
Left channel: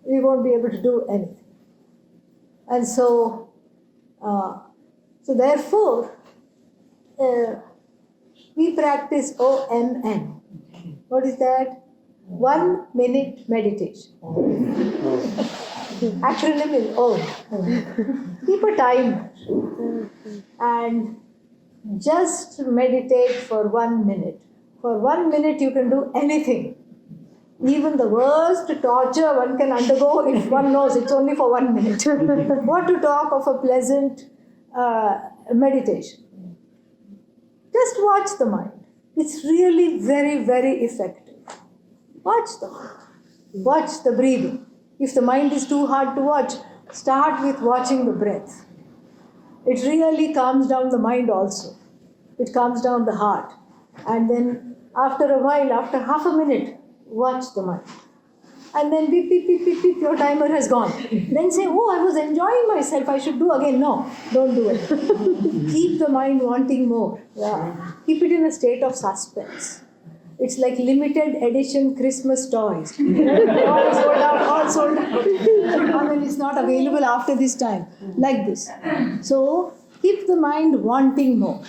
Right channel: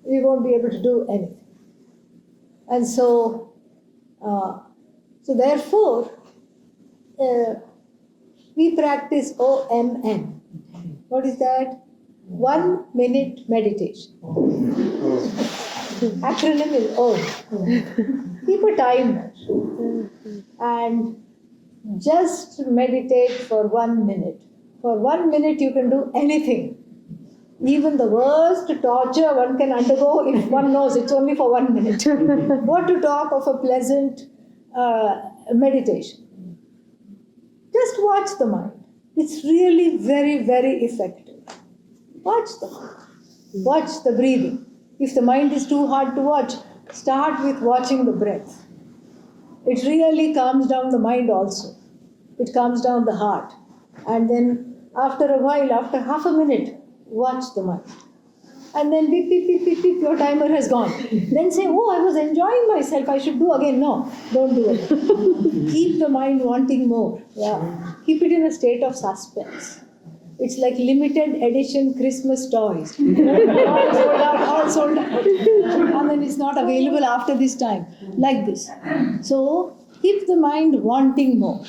We won't be able to do anything. And so therefore, we practice OMM. What is that? 1 minute meditation. Acronym is OM. Keep a timer and just meditate for 1 minute. For 1 minute, you can do anything. Even the worst torture one can undergo if one knows it's only for 1 minute. What to talk of a pleasant meditation? Just watch the mind. It's really very, very effective. Watch the mind. Watch the breathing. If the mind is too hard to watch, start with watching the breath. It really calms down the mind also. It calms down the heart. And then after a while, after half a minute, watch the mind. And then beep, beep, beep, beep, beep, your timer has gone. Then say, oh, I was enjoying myself, I should do again. No, don't do it. Keep the mind wanting more. Yeah. Keep it in a state of suspense. It's like limited edition Christmas toys. All sold out. And then it's not available after this time. Like this. So, keep the mind wanting more.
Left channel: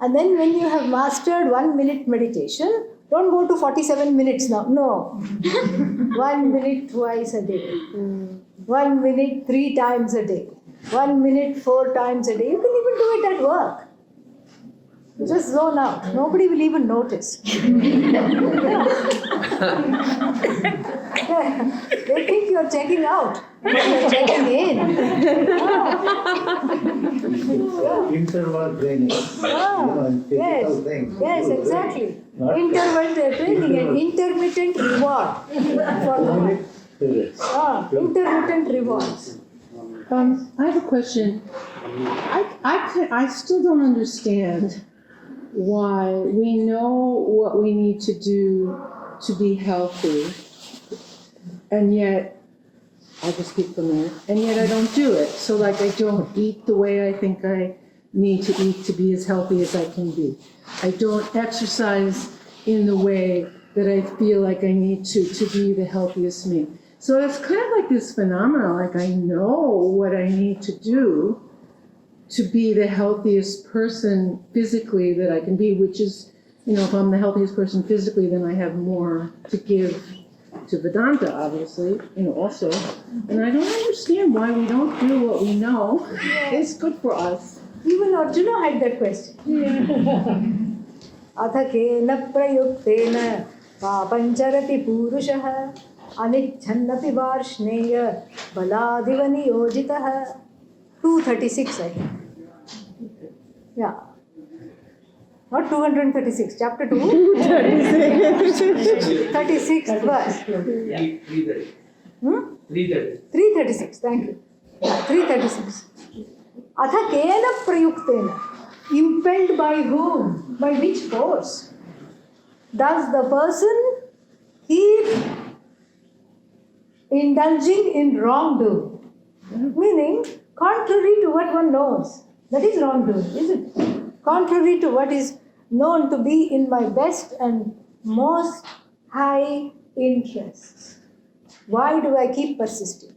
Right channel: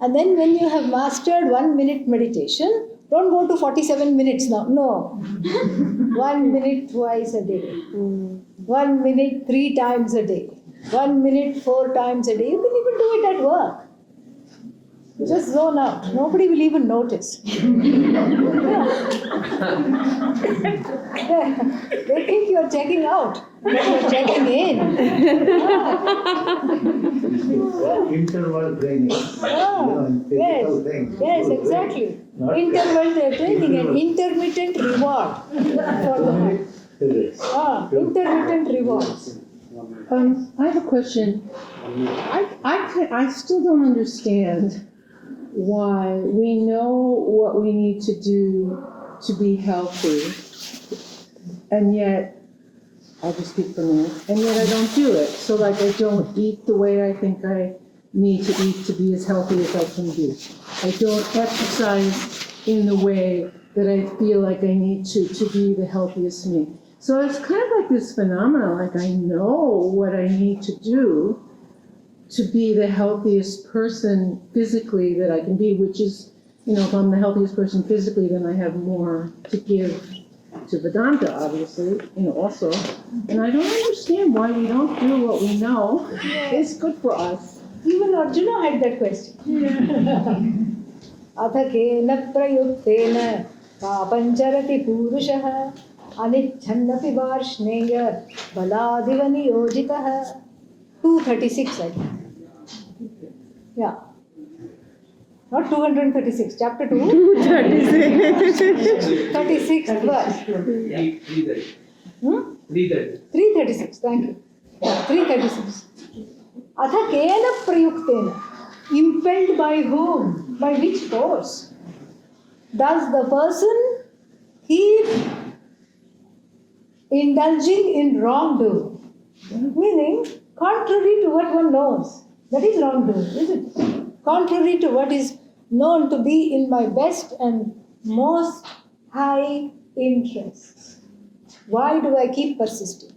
And then when you have mastered 1 minute meditation, don't go to 47 minutes now. No. 1 minute twice a day. 1 minute 3 times a day. 1 minute 4 times a day. You can even do it at work. Just zone out. Nobody will even notice. They think you're checking out. You're checking in. Interval training, in physical things. Yes, exactly. Interval training and intermittent reward. Intermittent rewards. I have a question. I still don't understand why we know what we need to do to be healthy, and yet, I'll just speak for me, and yet I don't do it. So like I don't eat the way I think I need to eat to be as healthy as I can be. I don't exercise in the way that I feel like I need to be the healthiest me. So it's kind of like this phenomenon, like I know what I need to do to be the healthiest person physically that I can be, which is, if I'm the healthiest person physically, then I have more to give to Vedanta, obviously, also. And I don't understand why we don't do what we know is good for us. Even Arjuna had that question. Atha kena prayuktena papancharati purushah anichannapi varshneya baladiva niyojitah. 236, I think. Yeah. Not 236, chapter 2. 36th verse. 336, thank you. 336. Atha kena prayuktena. Impelled by whom? By which force? Does the person keep indulging in wrongdoing? Meaning, contrary to what one knows. That is wrongdoing, isn't it? Contrary to what is known to be in my best and most high interests. Why do I keep persisting?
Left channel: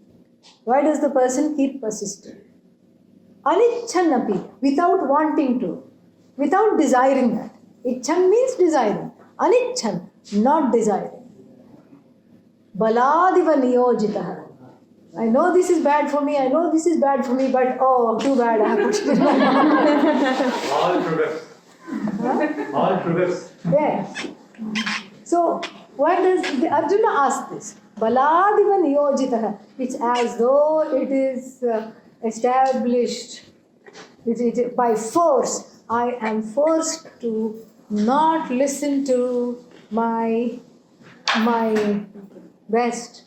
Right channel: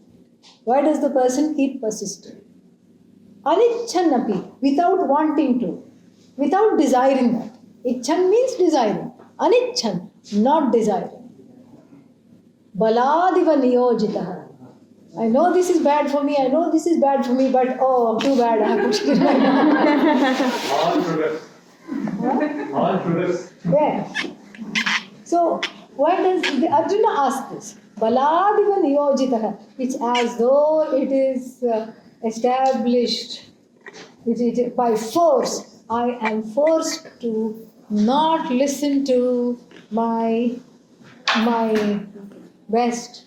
Why does the person keep persisting? Anichanapi, without wanting to, without desiring that. Ichan means desiring. Anichan, not desiring. Baladiva niyojitah. I know this is bad for me, but too bad, I have put it in my mouth. All progress. Yeah. So, why does Arjuna ask this? Baladiva niyojitah. It's as though it is established by force. I am forced to not listen to my best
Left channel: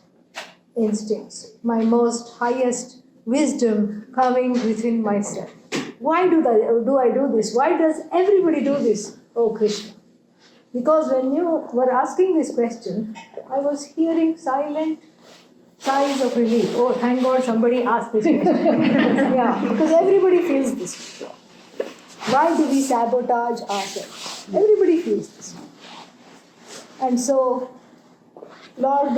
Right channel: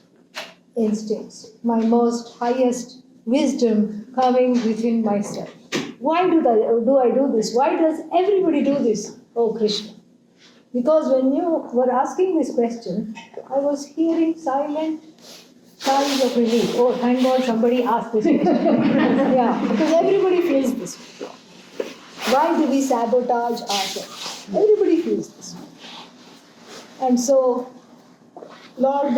instincts, my most highest wisdom coming within myself. Why do I do this? Why does everybody do this, oh Krishna? Because when you were asking this question, I was hearing silent signs of relief. Oh, thank God somebody asked this question. Yeah, because everybody feels this. Why do we sabotage ourselves? Everybody feels this. And so, Lord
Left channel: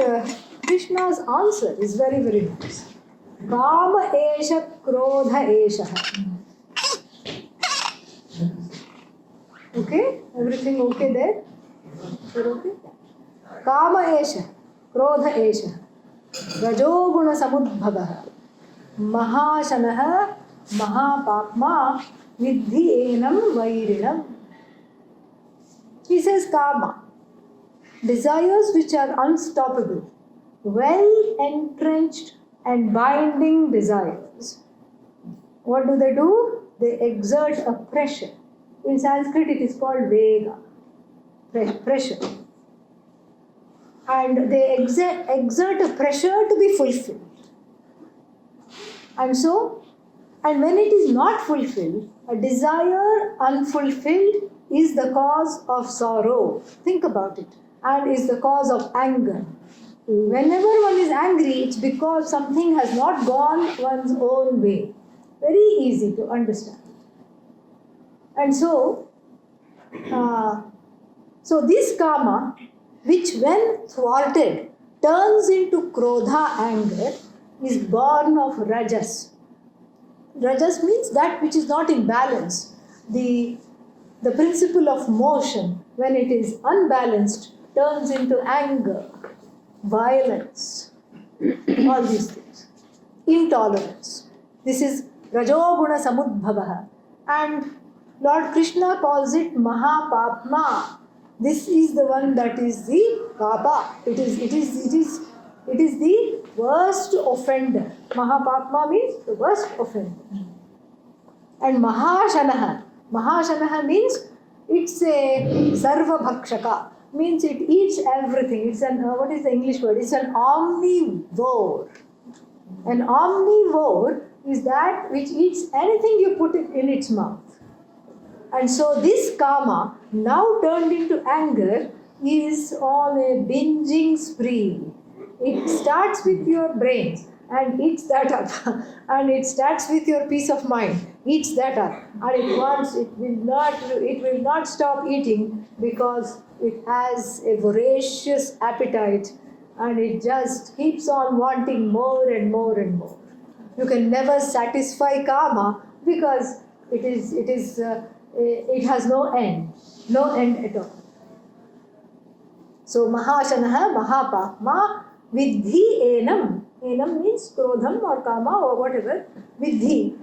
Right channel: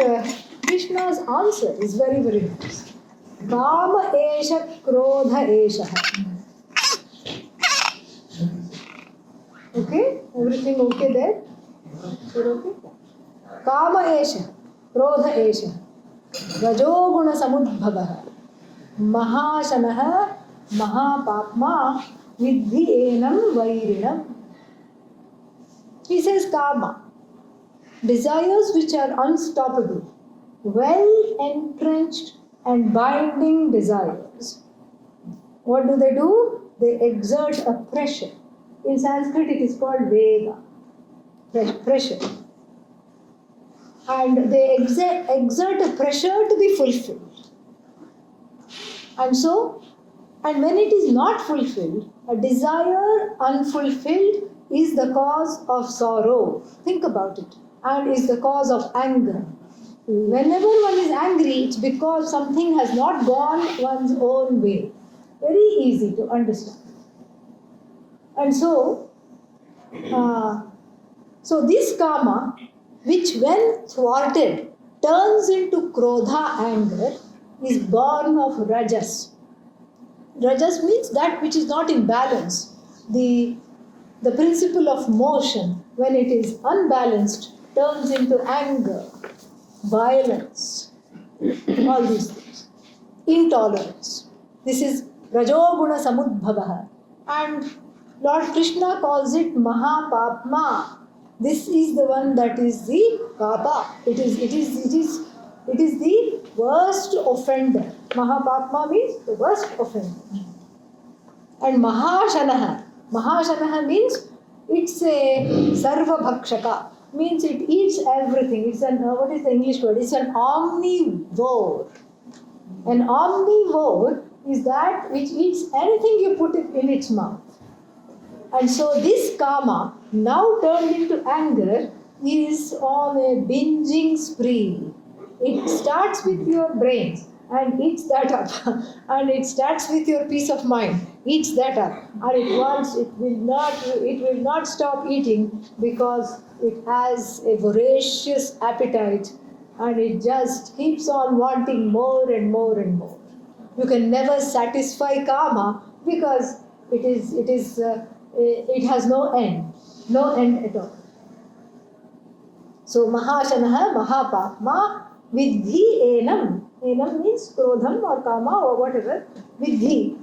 Krishna's answer is very, very nice. Kama esha krodha esha. Okay? Everything okay there? Okay? Kama esha krodha esha. Rajoguna samudbhavah. Mahashanah mahapapma vidhi enam vairinam. He says kama. Desires which are unstoppable, well entrenched and binding desires. What do? They exert a pressure. In Sanskrit it is called vega, pressure. And they exert a pressure to be fulfilled. And when it is not fulfilled, a desire unfulfilled is the cause of sorrow. Think about it. And is the cause of anger. Whenever one is angry, it's because something has not gone one's own way. Very easy to understand. And so this karma, which when thwarted turns into krodha, anger, is born of rajas. Rajas means that which is not in balance. The principle of motion, when it is unbalanced, turns into anger, violence, all these things. Intolerance. This is Rajoguna Samudbhavah. And Lord Krishna calls it Mahapapma. This is the one that is the Kapa. It is the worst offender. Mahapapma means the worst offender. And Mahashanaha means it's a Sarva Bhakshaka. Means it eats everything. It's what is the English word? It's an omnivore. An omnivore is that which eats anything you put it in its mouth. And so this karma, now turned into anger, is on a binging spree. It starts with your brains and eats that up. And it starts with your peace of mind, eats that up. And it will not stop eating because it has a voracious appetite and it just keeps on wanting more and more and more. You can never satisfy karma because it is it has no end at all. So Mahashanaha, Mahapatma, Vidhi Enam. Enam means Krodham or Kama or whatever. Vidhi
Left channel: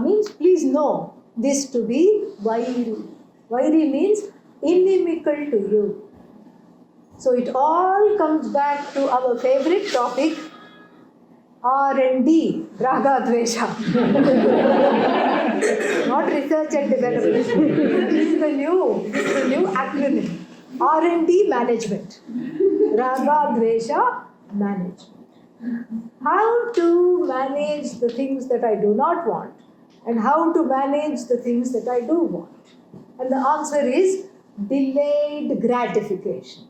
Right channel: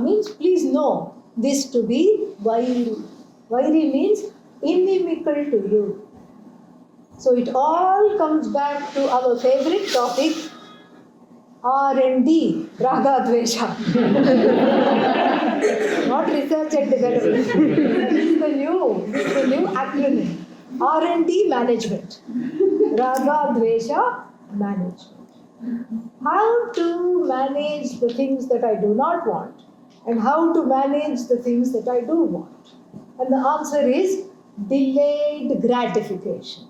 means please know this to be Vairi. Vairi means inimical to you. So it all comes back to our favorite topic, R&D, Raga Dvesha. Not research and development. This is the new acronym. R&D management. Raga Dvesha management. How to manage the things that I do not want and how to manage the things that I do want. And the answer is delayed gratification.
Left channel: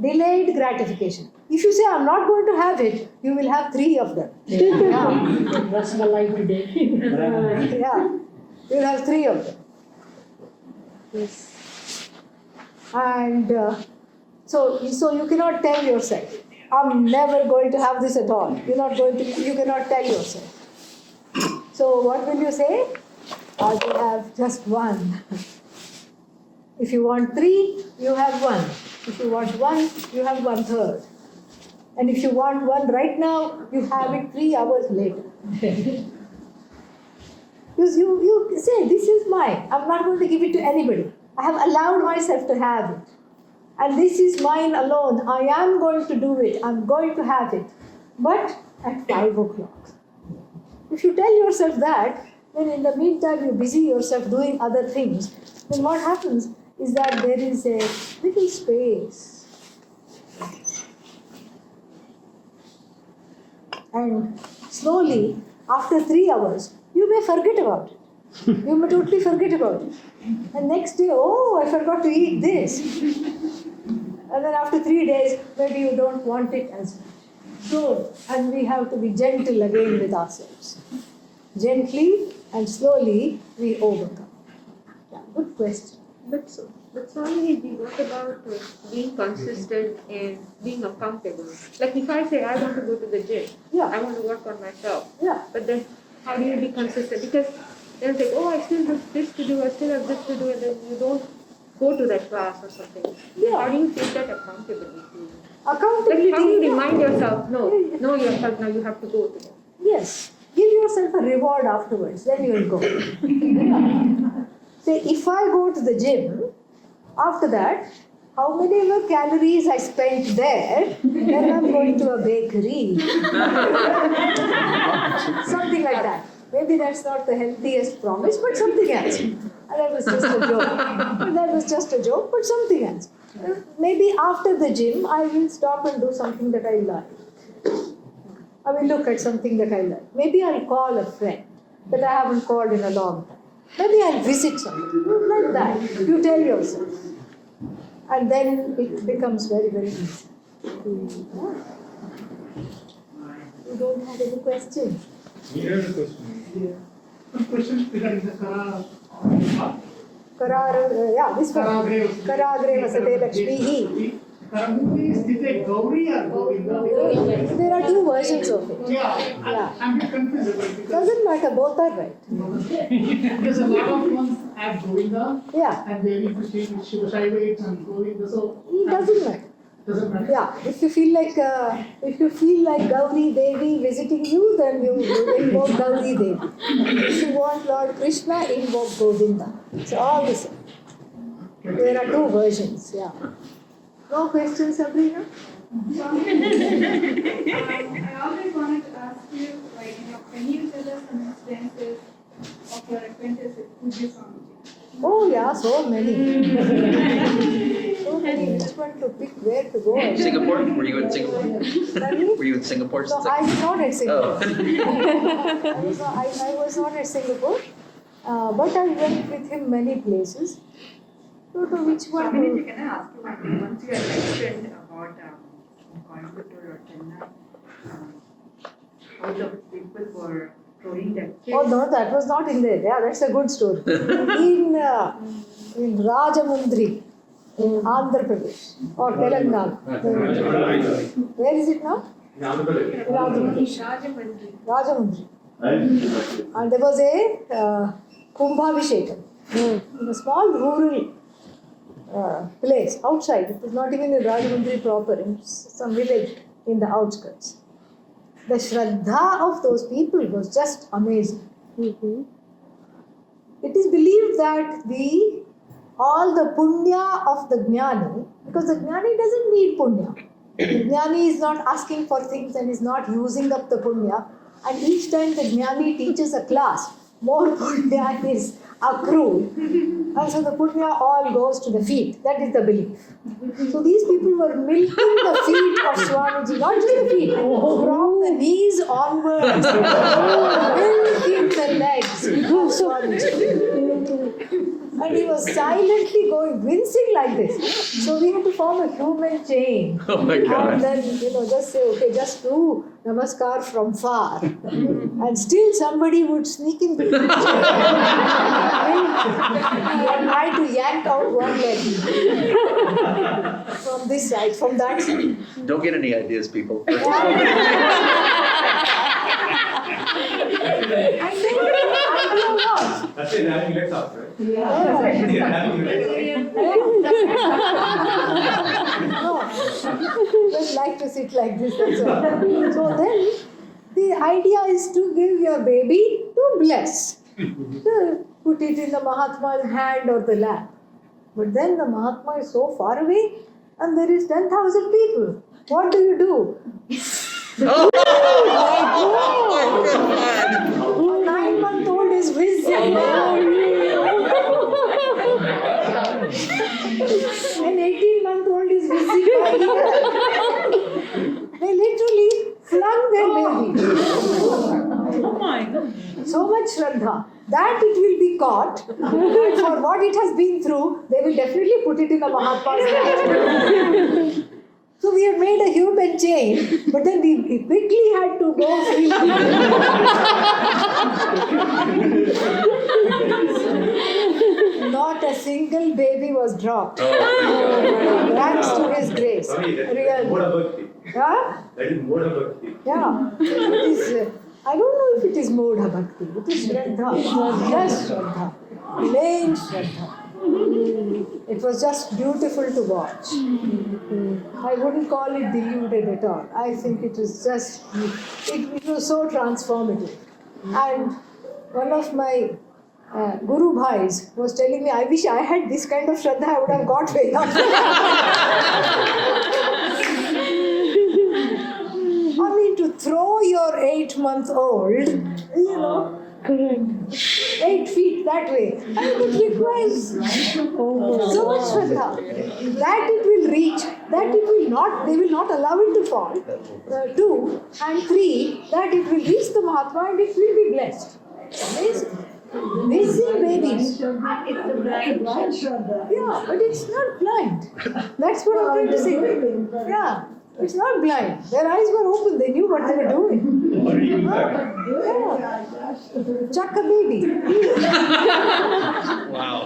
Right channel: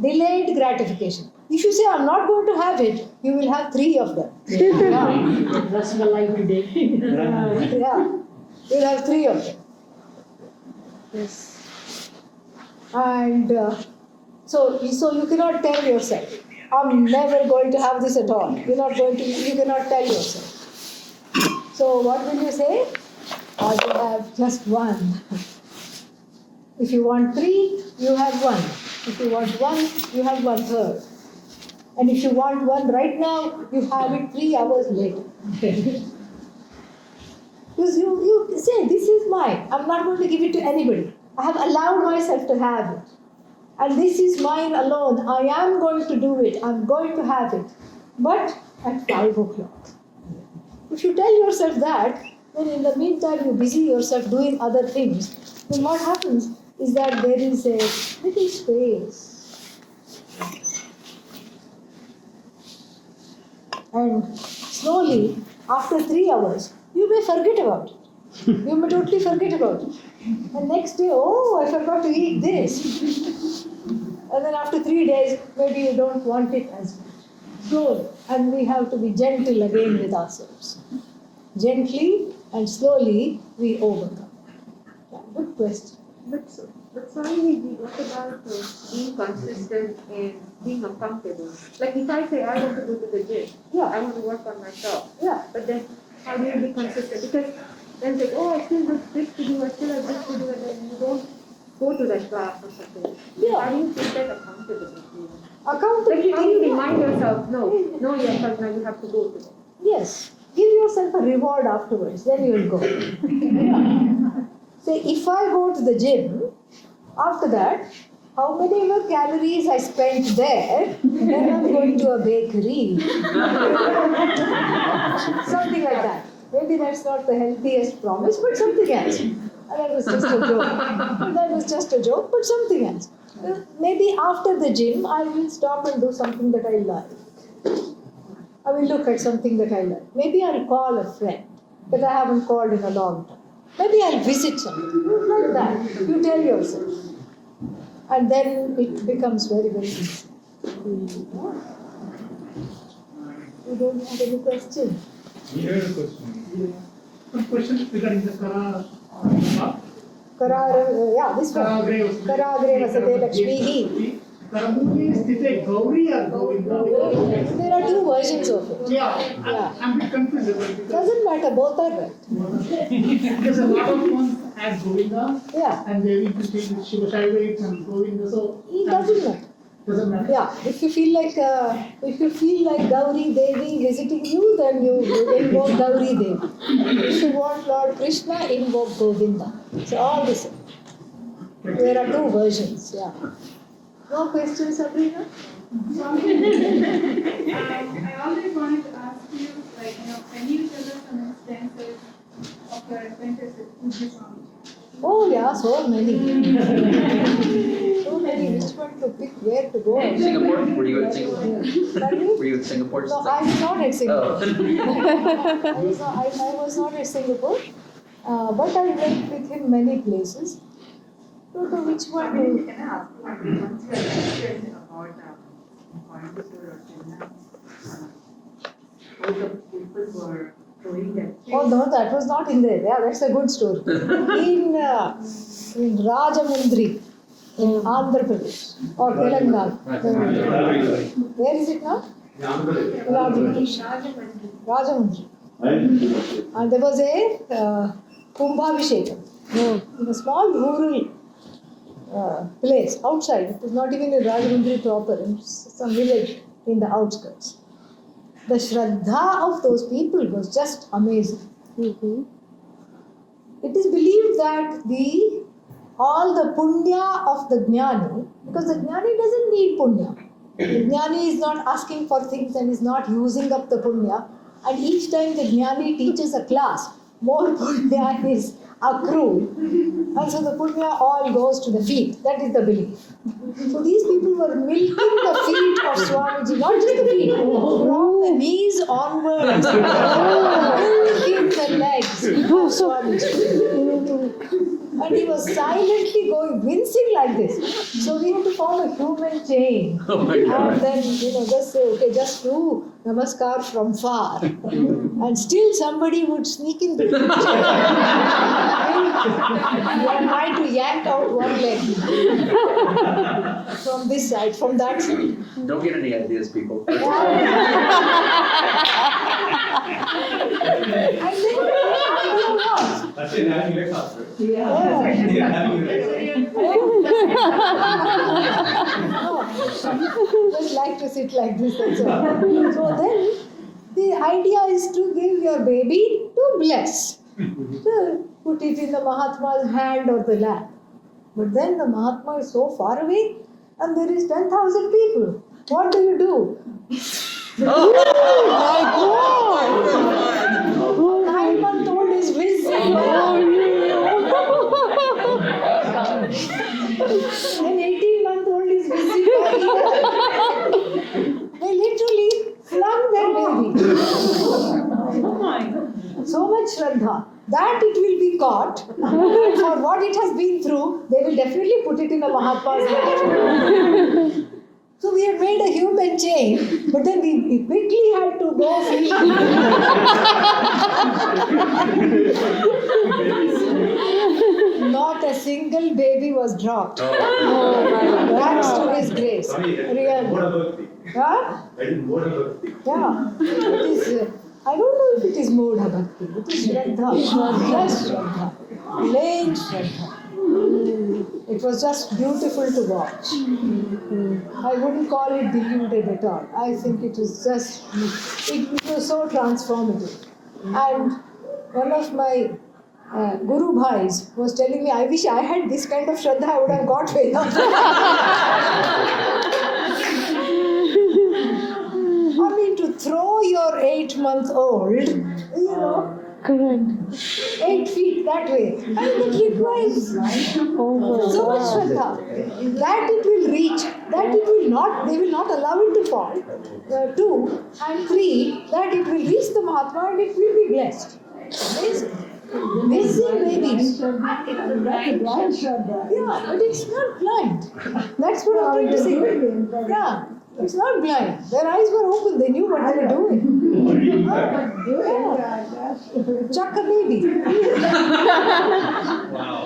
Delayed gratification. If you say, I'm not going to have it, you will have 3 of them. Yeah. That's the life today. Yeah. You will have 3 of them. Yes. And so you cannot tell yourself, I'm never going to have this at all. You cannot tell yourself. So what will you say? I will have just 1. If you want 3, you have 1. If you want 1, you have 1/3. And if you want 1 right now, you have it 3 hours later. Because you say, this is mine. I'm not going to give it to anybody. I have allowed myself to have it. And this is mine alone. I am going to do it. I'm going to have it. But at 5 o'clock. If you tell yourself that, then in the meantime you busy yourself doing other things, then what happens is that there is a little space. And slowly, after 3 hours, you may forget about it. You may totally forget about it. And next day, oh, I forgot to eat this. And then after 3 days, maybe you don't want it as much. So, and we have to be gentle again with ourselves. Gently and slowly we overcome. Yeah, good question. But Swami, what about being consistent and being accountable? Like if I say I want to go to the gym, Yeah. I want to work on myself, Yeah. but then how do you be consistent? Because then it's like, oh, I still have this to do, I still have this to do, and then you don't go to that class or something. Yeah. How do you take that accountability? Accountability. Like how do you remind yourself, no, yourself now you have to go to it. Yes. Give yourself a reward afterwards, then you'll go. Say, if I go to the gym, after that, how many more calories I spent there, then I'm going to a bakery. Something like that. Maybe that's not the healthiest promise, but something else. And that was just a joke. But something else. Maybe after the gym, I will stop and do something that I like. I will look at something that I like. Maybe I'll call a friend that I haven't called in a long time. Maybe I'll visit somebody. Like that. You tell yourself. And then it becomes very, very easy. You don't have any questions? Here is a question. One question regarding the Kara. This one. Karagre Vasate Lakshmihi. Karamukhi is it Gauri or Govinda? There are 2 versions of it. Yeah. I'm a bit confused about it because Doesn't matter, both are right. there's a lot of ones as Govinda. Yeah. And they need to change with Shiva Shaiva and Govinda. So It doesn't matter. doesn't matter. Yeah, if you feel like Gauri Devi visiting you, then you invoke Gauri Devi. If you want Lord Krishna, invoke Govinda. So all the same. There are 2 versions. Yeah. No questions, Sabrina? I always wanted to ask you, can you tell us some instances of your acquaintances with this Swami? Oh yeah, so many. So many. Which one to pick, where to go? Singapore? Were you in Singapore? Pardon me? Were you in Singapore? No, I was not at Singapore. Oh. I was not at Singapore, but I went with him many places. So which one? Can I ask you, once you had mentioned about Coimbatore or Chennai, all the people were throwing their kids. Oh no, that was not in there. Yeah, that's a good story. In Rajamundri, in Andhra Pradesh or Telangana. Where is it now? In Andhra Pradesh. Rajamundri. And there was a Kumbhabhishekam in a small rural place outside. It was not even in Rajahmundry proper, in some village in the outskirts. The Shraddha of those people was just amazing. It is believed that all the punya of the jnani, because the jnani doesn't need punya. The jnani is not asking for things and is not using up the punya. And each time the jnani teaches a class, more punya is accrued. And so the punya all goes to the feet. That is the belief. So these people were milking the feet of Swamiji, not just the feet, from the knees onwards, milking the legs of Swamiji. And he was silently going, wincing like this. So we had to form a human chain. Oh my God. And then, just say, okay, just do namaskar from far. And still somebody would sneak in between. They are trying to yank out one leg. From this side, from that side. Don't get any ideas, people. And then, That's it, having legs up, right? yeah. Just like to sit like this, that's all. So then, the idea is to give your baby to bless. So, put it in the Mahatma's hand or the lap. But then the Mahatma is so far away and there is 10,000 people. What do you do? Oh my God! 9-month-old is whizzing. An 18-month-old is whizzing. They literally flung their baby. Oh my God. So much Shraddha. That it will be caught. For what it has been through, they will definitely put it in the Mahatma's hand. So we have made a human chain, but then we quickly had to go free. Not a single baby was dropped. Thanks to his grace. Really. Huh? That is more bhakti. Yeah. It is, I don't know if it is Modha Bhakti. It is Shraddha. Just Shraddha. Plain Shraddha. It was just beautiful to watch. I wouldn't call it deluded at all. I think it is just, it was so transformative. And one of my Guru Bhais was telling me, I wish I had this kind of Shraddha, I would have got way up. I mean, to throw your 8-month-old, correct. 8 feet that way. And it requires so much Shraddha. That it will reach, that it will not, they will not allow it to fall. 2 and 3, that it will reach the Mahatma and it will be blessed. Amazing babies. It's the blind Shraddha. Yeah, but it's not blind. That's what I'm trying to say. Yeah. It's not blind. Their eyes were open. They knew what they were doing. What do you do that? Chuck a baby.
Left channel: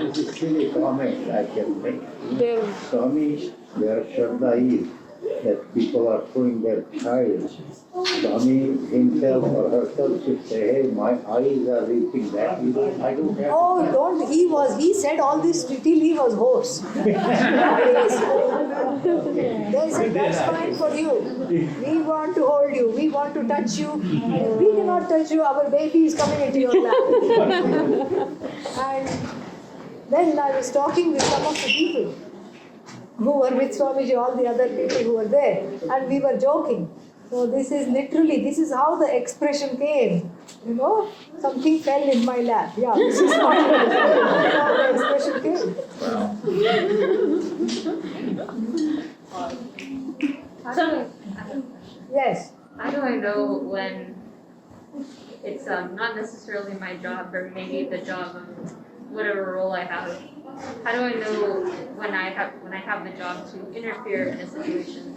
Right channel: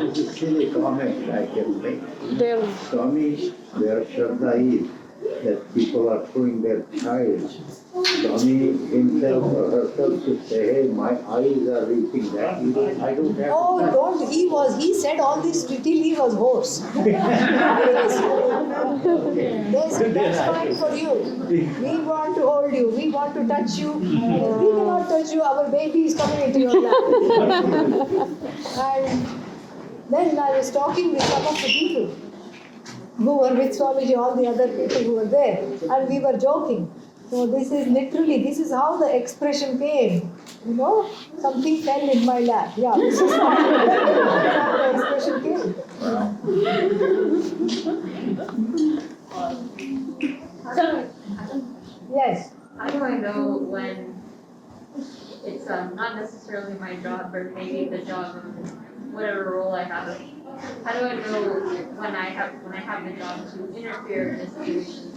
This is a silly comment I can make. Swami, where Shraddha is, that people are throwing their child. Swami himself or herself should say, hey, my eyes are reaching that. I don't have Oh, don't. He said all this till he was hoarse. There's a time for you. We want to hold you. We want to touch you. We cannot touch you. Our baby is coming into your lap. And then I was talking with some of the people who were with Swamiji, all the other people who were there, and we were joking. So this is how the expression came. Something fell in my lap. Yeah, this is how the expression came. Yes. How do I know when it's not necessarily my job, or maybe the job of whatever role I have? How do I know when I have the job to interfere in a situation?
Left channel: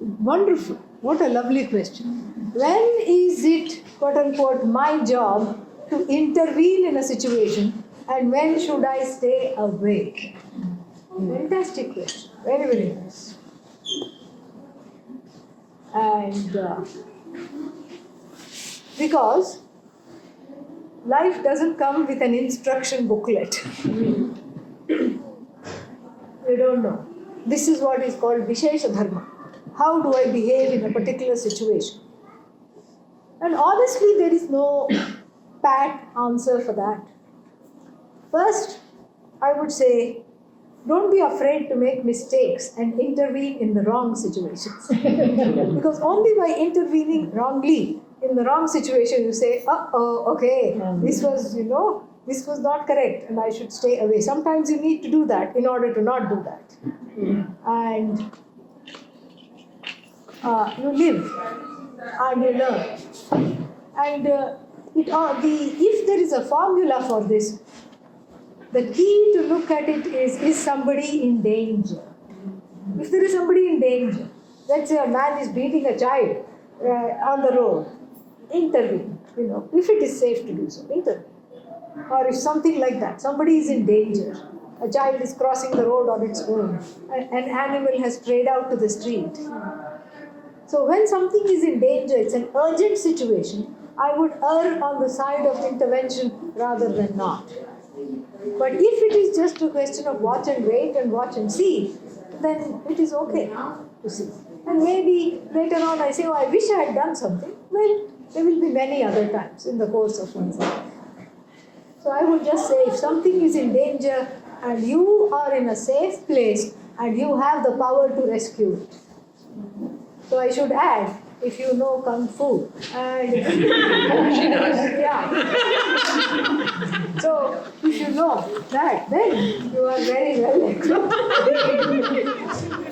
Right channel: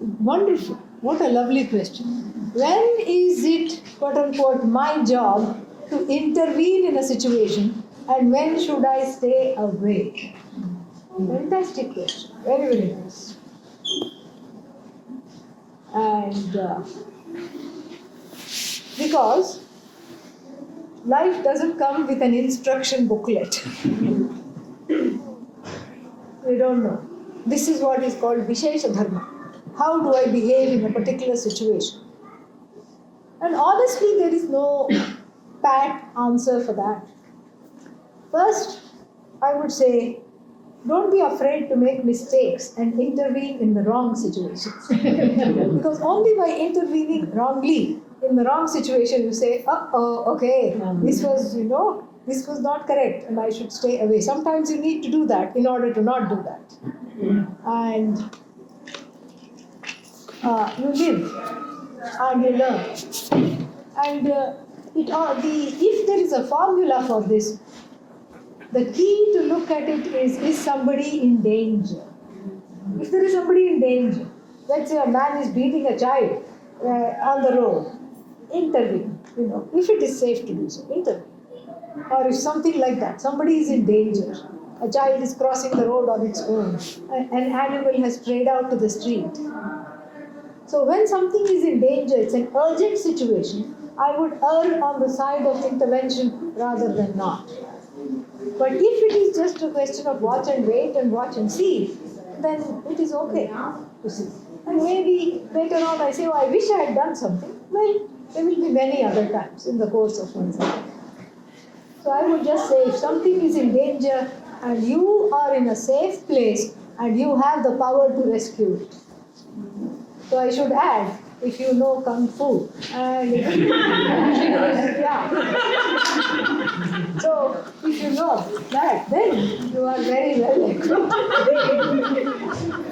Wonderful. What a lovely question. When is it, quote unquote, my job to intervene in a situation, and when should I stay away? Fantastic question. Very, very nice. And Because life doesn't come with an instruction booklet. We don't know. This is what is called Vishesha Dharma. How do I behave in a particular situation? And honestly, there is no pat answer for that. First, I would say, don't be afraid to make mistakes and intervene in the wrong situations. Because only by intervening wrongly in the wrong situation, you say, okay, this was, this was not correct and I should stay away. Sometimes you need to do that in order to not do that. And you live and you learn. And if there is a formula for this, the key to look at it is somebody in danger? If there is somebody in danger, let's say a man is beating a child on the road, intervene. If it is safe to do so, intervene. Or if something like that, somebody is in danger, a child is crossing the road on its own, an animal has strayed out to the street. So when something is in danger, it's an urgent situation, I would err on the side of intervention rather than not. But if it is just a question of watch and wait and watch and see, then it is okay to see. And maybe later on I say, I wish I had done something. Well, there will be many other times in the course of one's life. So I would just say, if something is in danger and you are in a safe place and you have the power to rescue it. So I should add, if you know Kung Fu. And yeah. So if you know that, then you are very well equipped.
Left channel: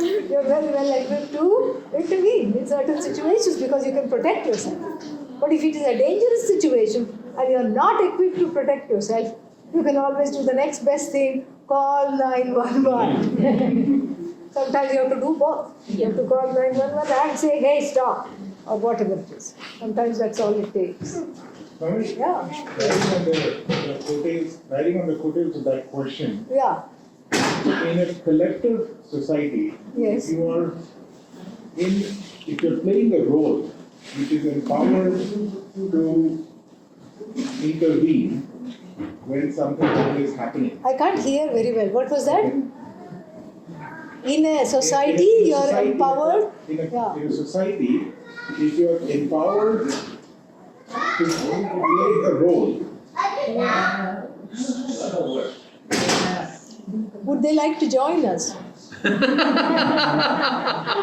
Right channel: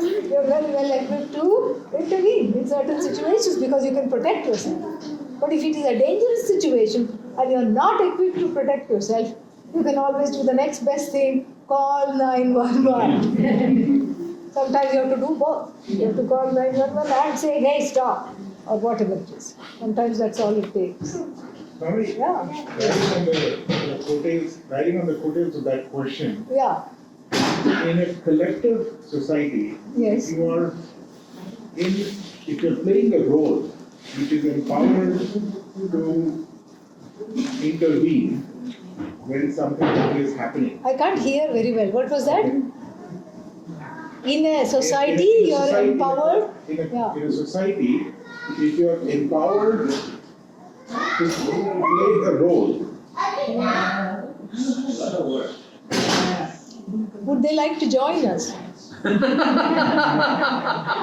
You are very well equipped to intervene in certain situations because you can protect yourself. But if it is a dangerous situation and you are not equipped to protect yourself, you can always do the next best thing, call 911. Sometimes you have to do both. You have to call 911 and say, hey, stop, or whatever it is. Sometimes that's all it takes. Mami, Yeah. Riding on the coattails of that question, Yeah. in a collective society, Yes. if you're playing a role which is empowered to intervene when something is happening. I can't hear very well. What was that? In a society, you are empowered. In a society, if you are empowered to play a role. Would they like to join us?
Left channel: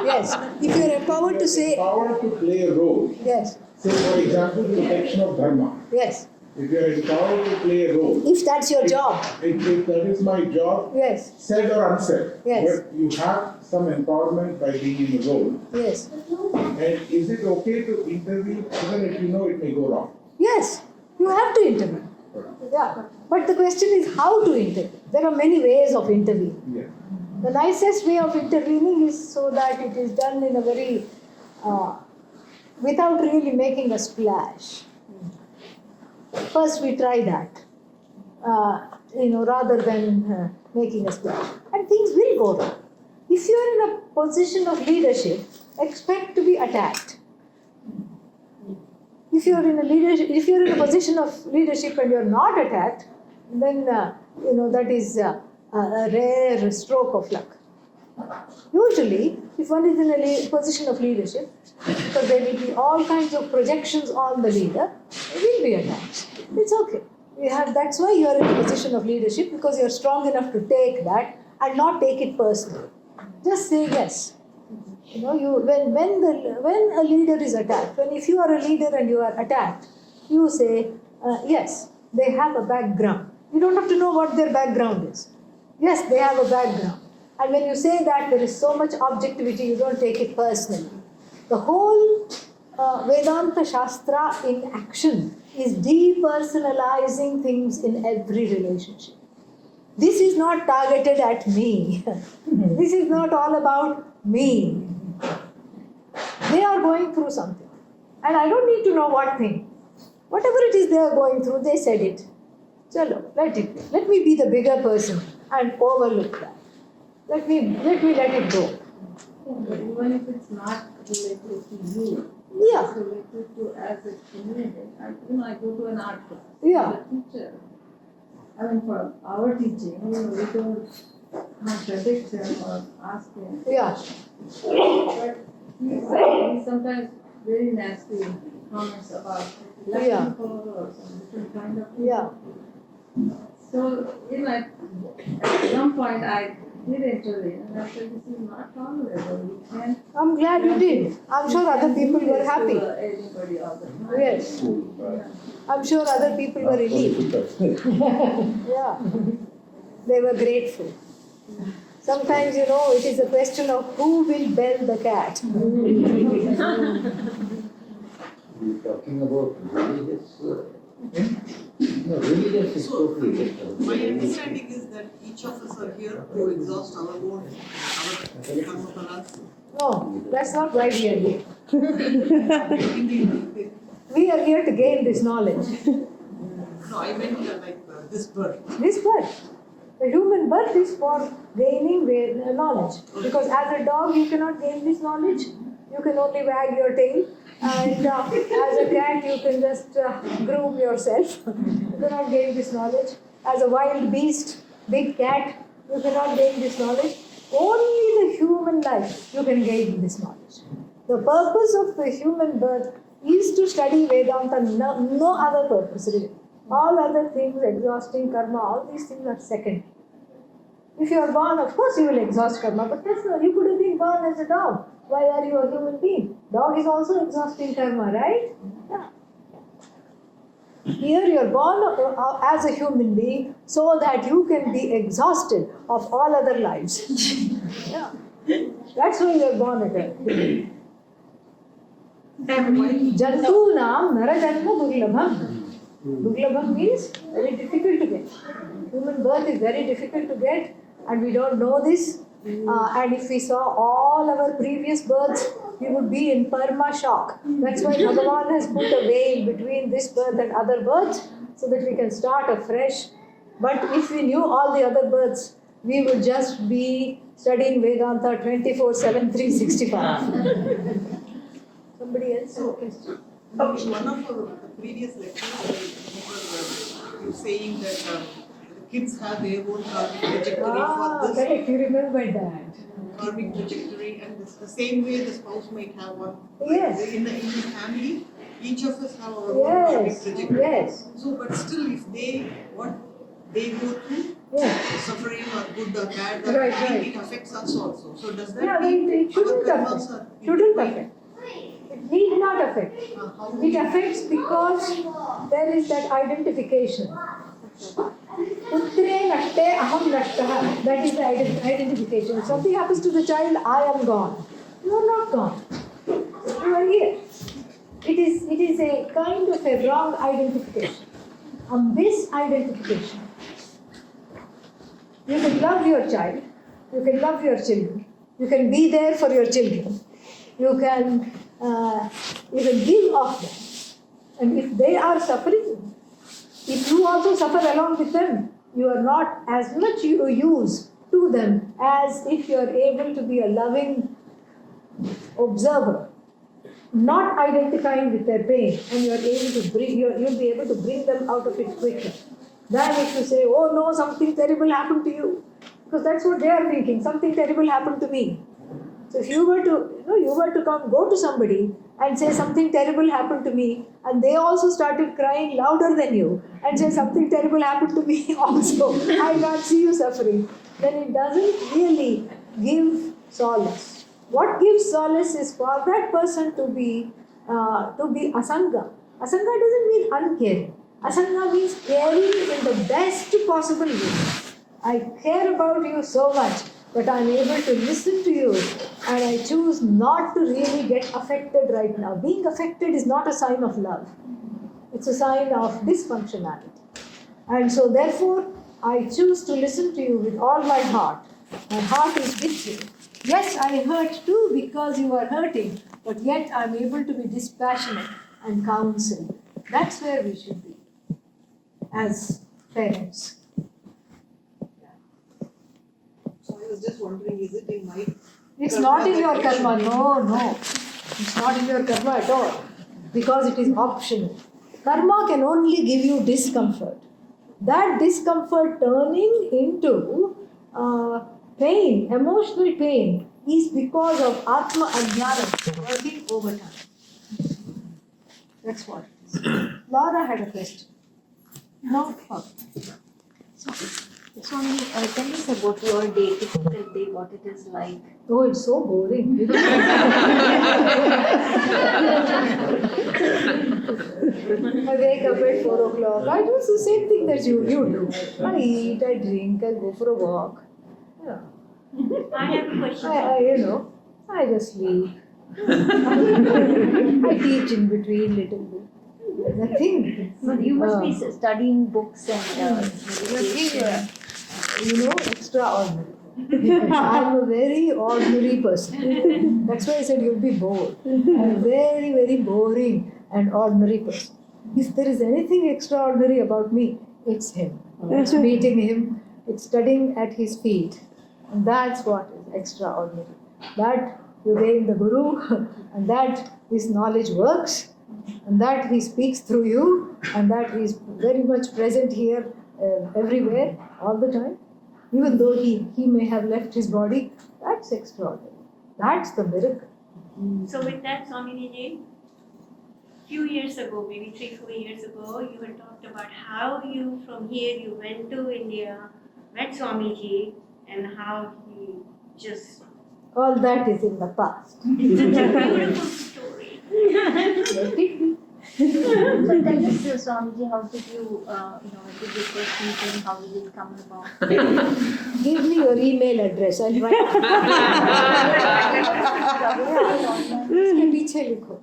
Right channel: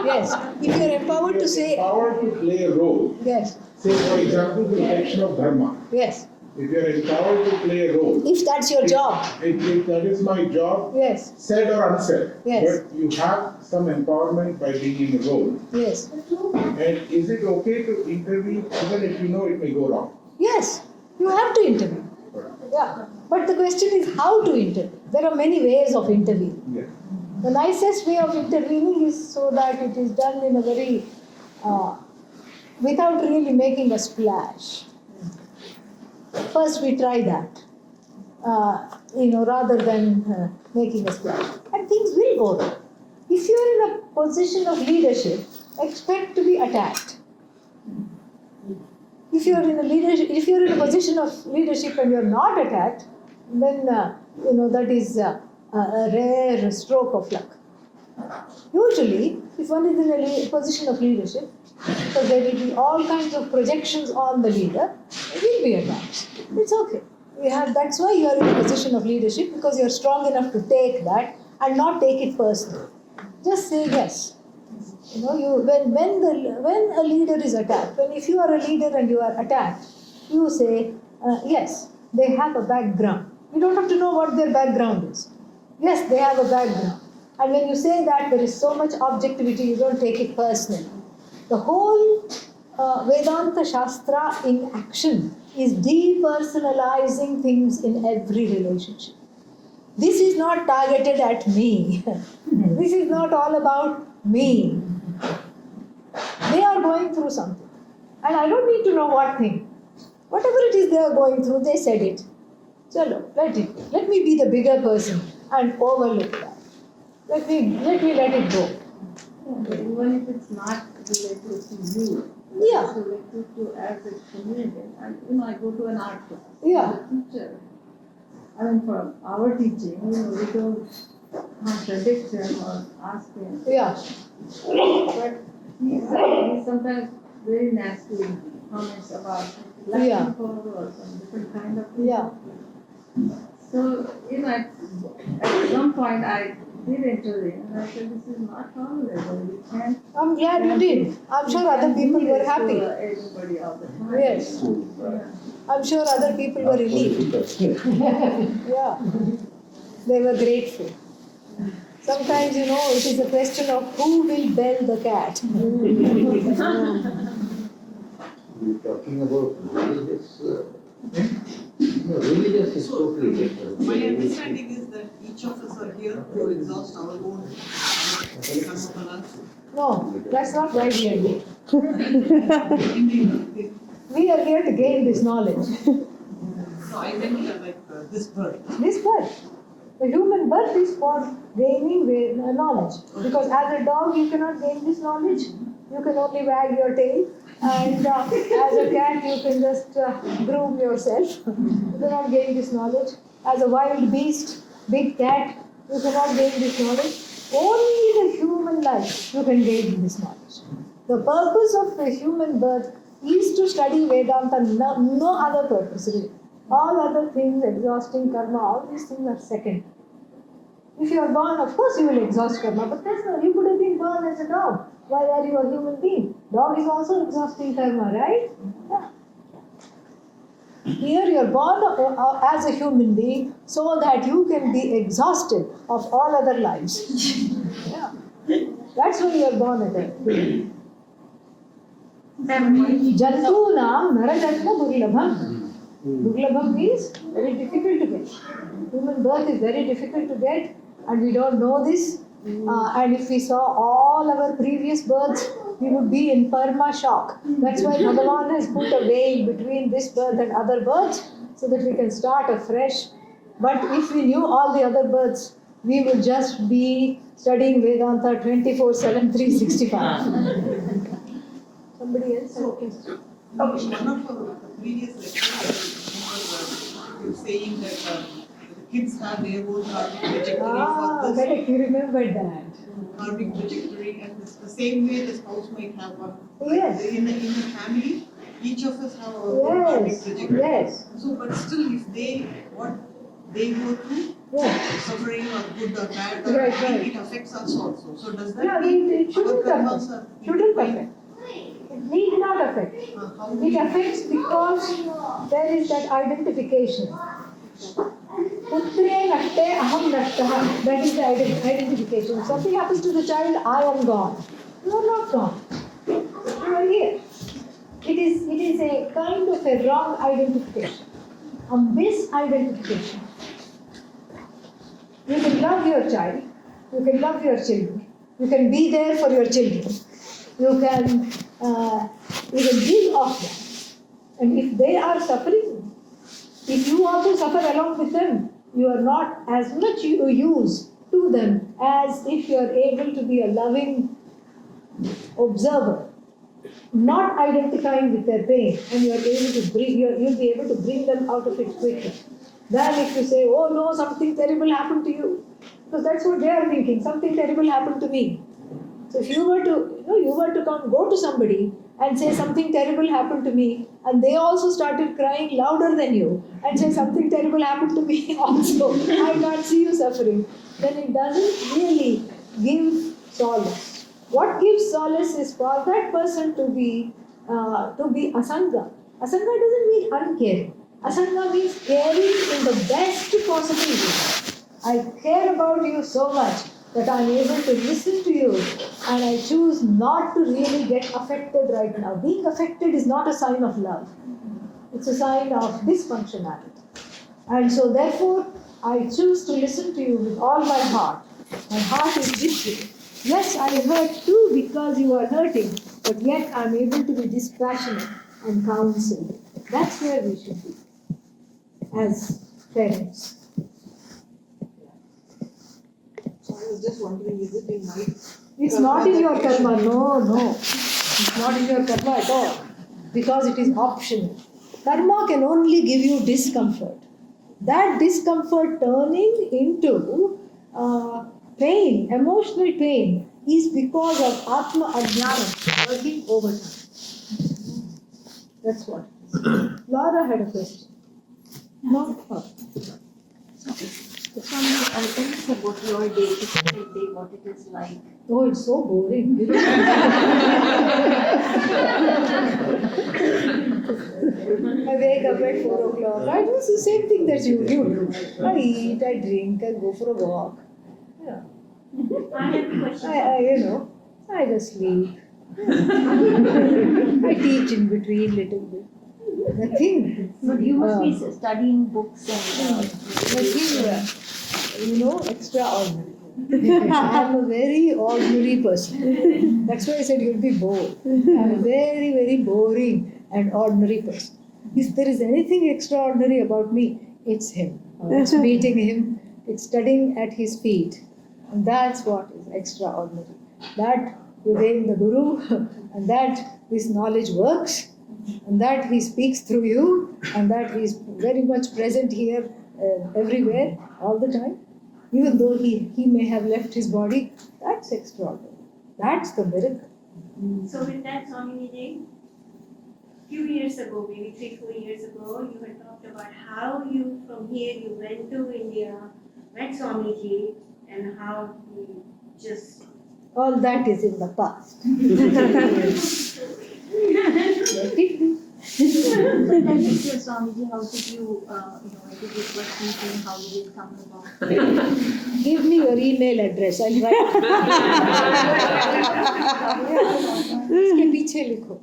Yes. If you are empowered to say. Empowered to play a role. Yes. Say, for example, protection of dharma. Yes. If you are empowered to play a role. If that's your job. If that is my job. Yes. Said or unsaid. Yes. But you have some empowerment by being in the role. Yes. And is it okay to intervene even if you know it may go wrong? Yes. You have to intervene. Yeah. But the question is how to intervene. There are many ways of intervening. Yeah. The nicest way of intervening is so that it is done in a very, without really making a splash. First we try that, rather than making a splash. And things will go wrong. If you are in a position of leadership, expect to be attacked. If you are in a position of leadership and you are not attacked, then that is a rare stroke of luck. Usually, if one is in a position of leadership, because there will be all kinds of projections on the leader, it will be attacked. It's okay. That's why you are in a position of leadership, because you are strong enough to take that and not take it personally. Just say yes. When a leader is attacked, if you are a leader and you are attacked, you say, yes, they have a background. You don't have to know what their background is. Yes, they have a background. And when you say that, there is so much objectivity, you don't take it personally. The whole Vedanta Shastra in action is depersonalizing things in every relationship. This is not targeted at me. This is not all about me. They are going through something. And I don't need to know what thing. Whatever it is they are going through, they said it. So let it be. Let me be the bigger person and overlook that. Let me let it go. But even if it's not related to you, Yeah. Related to as a community. I go to an art class. Yeah. The teacher, for our teaching, we don't contradict him or ask him. Yeah. But he's sometimes very nasty comments about black Yeah. people or some different kind of people. Yeah. So, at some point I did intervene and I said, this is not tolerable. You can't. I'm glad you did. I'm sure other people were happy. Anybody all the time. Yes. Yeah. I'm sure other people were relieved. Yeah. They were grateful. Sometimes, it is a question of who will bell the cat. You're talking about religious, no, religious is totally different. My understanding is that each of us are here to exhaust our own karma. No, that's not right, really. We are here to gain this knowledge. No, I meant this birth. This birth. The human birth is for gaining knowledge. Because as a dog, you cannot gain this knowledge. You can only wag your tail. And as a cat, you can just groom yourself. You cannot gain this knowledge. As a wild beast, big cat, you cannot gain this knowledge. Only the human life you can gain this knowledge. The purpose of the human birth is to study Vedanta, no other purpose really. All other things, exhausting karma, all these things are second. If you are born, of course you will exhaust karma, but that's not, you could have been born as a dog. Why are you a human being? Dog is also exhausting karma, right? Yeah. Here you are born as a human being so that you can be exhausted of all other lives. Yeah. That's why you are born as a human. Jantunam narajanma durlabham. Durlabham means very difficult to get. Human birth is very difficult to get, and we don't know this. And if we saw all our previous births, we would be in perma shock. That's why Bhagavan has put a veil between this birth and other births, so that we can start afresh. But if we knew all the other births, we would just be studying Vedanta 24/7, 365. Somebody else? Okay. One of the previous lectures, you were saying that kids have their own karmic trajectory for this. Correct, you remember that. Karmic trajectory, and the same way the spouse might have one. Yes. In the family, each of us have our own karmic trajectory. Yes. So, but still, if what they go through, suffering or good or bad, it affects us also. So does that mean it shouldn't our affect. karmas are Shouldn't affect. It need not affect. It affects because there is that identification. Putre natte aham nattah. That is the identification. If something happens to the child, I am gone. You are not gone. You are here. It is a kind of a wrong identification. On this identification, you can love your child, you can love your children, you can be there for your children, you can give of them. And if they are suffering, if you also suffer along with them, you are not as much use to them as if you are able to be a loving observer, not identifying with their pain, and you are able to you'll be able to bring them out of it quicker. Than if you say, oh no, something terrible happened to you. Because that's what they are thinking, something terrible happened to me. So if you were to go to somebody and say something terrible happened to me, and they also started crying louder than you, and say something terrible happened to me also, I can't see you suffering, then it doesn't really give solace. What gives solace is for that person to be asanga. Asanga doesn't mean uncaring. Asanga means caring in the best possible way. I care about you so much, but I am able to listen to you, and I choose not to really get affected right now. Being affected is not a sign of love. It's a sign of dysfunctionality. And so therefore, I choose to listen to you with all my heart. My heart is with you. Yes, I hurt too because you are hurting, but yet I am able to be dispassionate and counsel. That's where we should be as parents. So I was just wondering, is it in my It's not in your karma, no. It's not in your karma at all, because it is optional. Karma can only give you discomfort. That discomfort turning into pain, emotional pain, is because of Atma Ajnana working overtime. That's what it is. Laura had a question. No? Swami, tell us about your day, typical day, what it is like. Oh, it's so boring. I wake up at 4 o'clock. I do the same thing that you do. I eat, I drink, I go for a walk. Yeah. I have a question. I just sleep. I teach in between little bit. Nothing. But you must be studying books and Extraordinary. I'm a very ordinary person. That's why I said you'll be bored. I'm a very, very boring and ordinary person. If there is anything extraordinary about me, it's him. It's meeting him, it's studying at his feet. And that's what is extraordinary. That you gain the Guru, and that his knowledge works, and that he speaks through you, and that he is very much present here, everywhere, all the time. Even though he may have left his body, that's extraordinary. That's the miracle. So with that, Swamiji, few years ago, maybe 3-4 years ago, you had talked about how you, from here, you went to India, met Swamiji, and how he just... All that is in the past. But tell us, Swamiji, how did you, did you first meet him, how did it come about? Give me your email address, I'll write. इसके पीछे लिखो.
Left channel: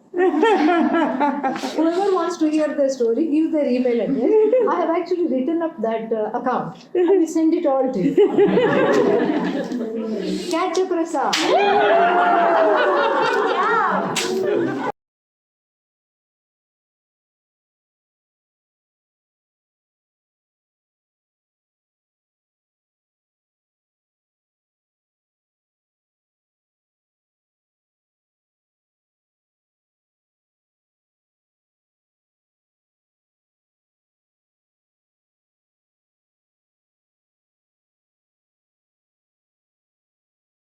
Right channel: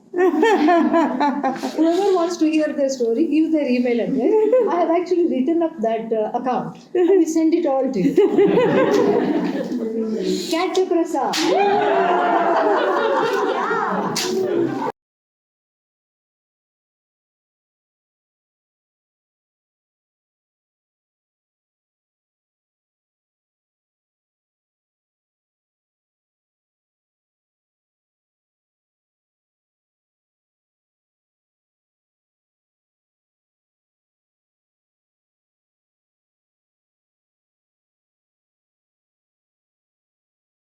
Whoever wants to hear the story, give their email address. I have actually written up that account. I will send it all to you. Catch a prasad.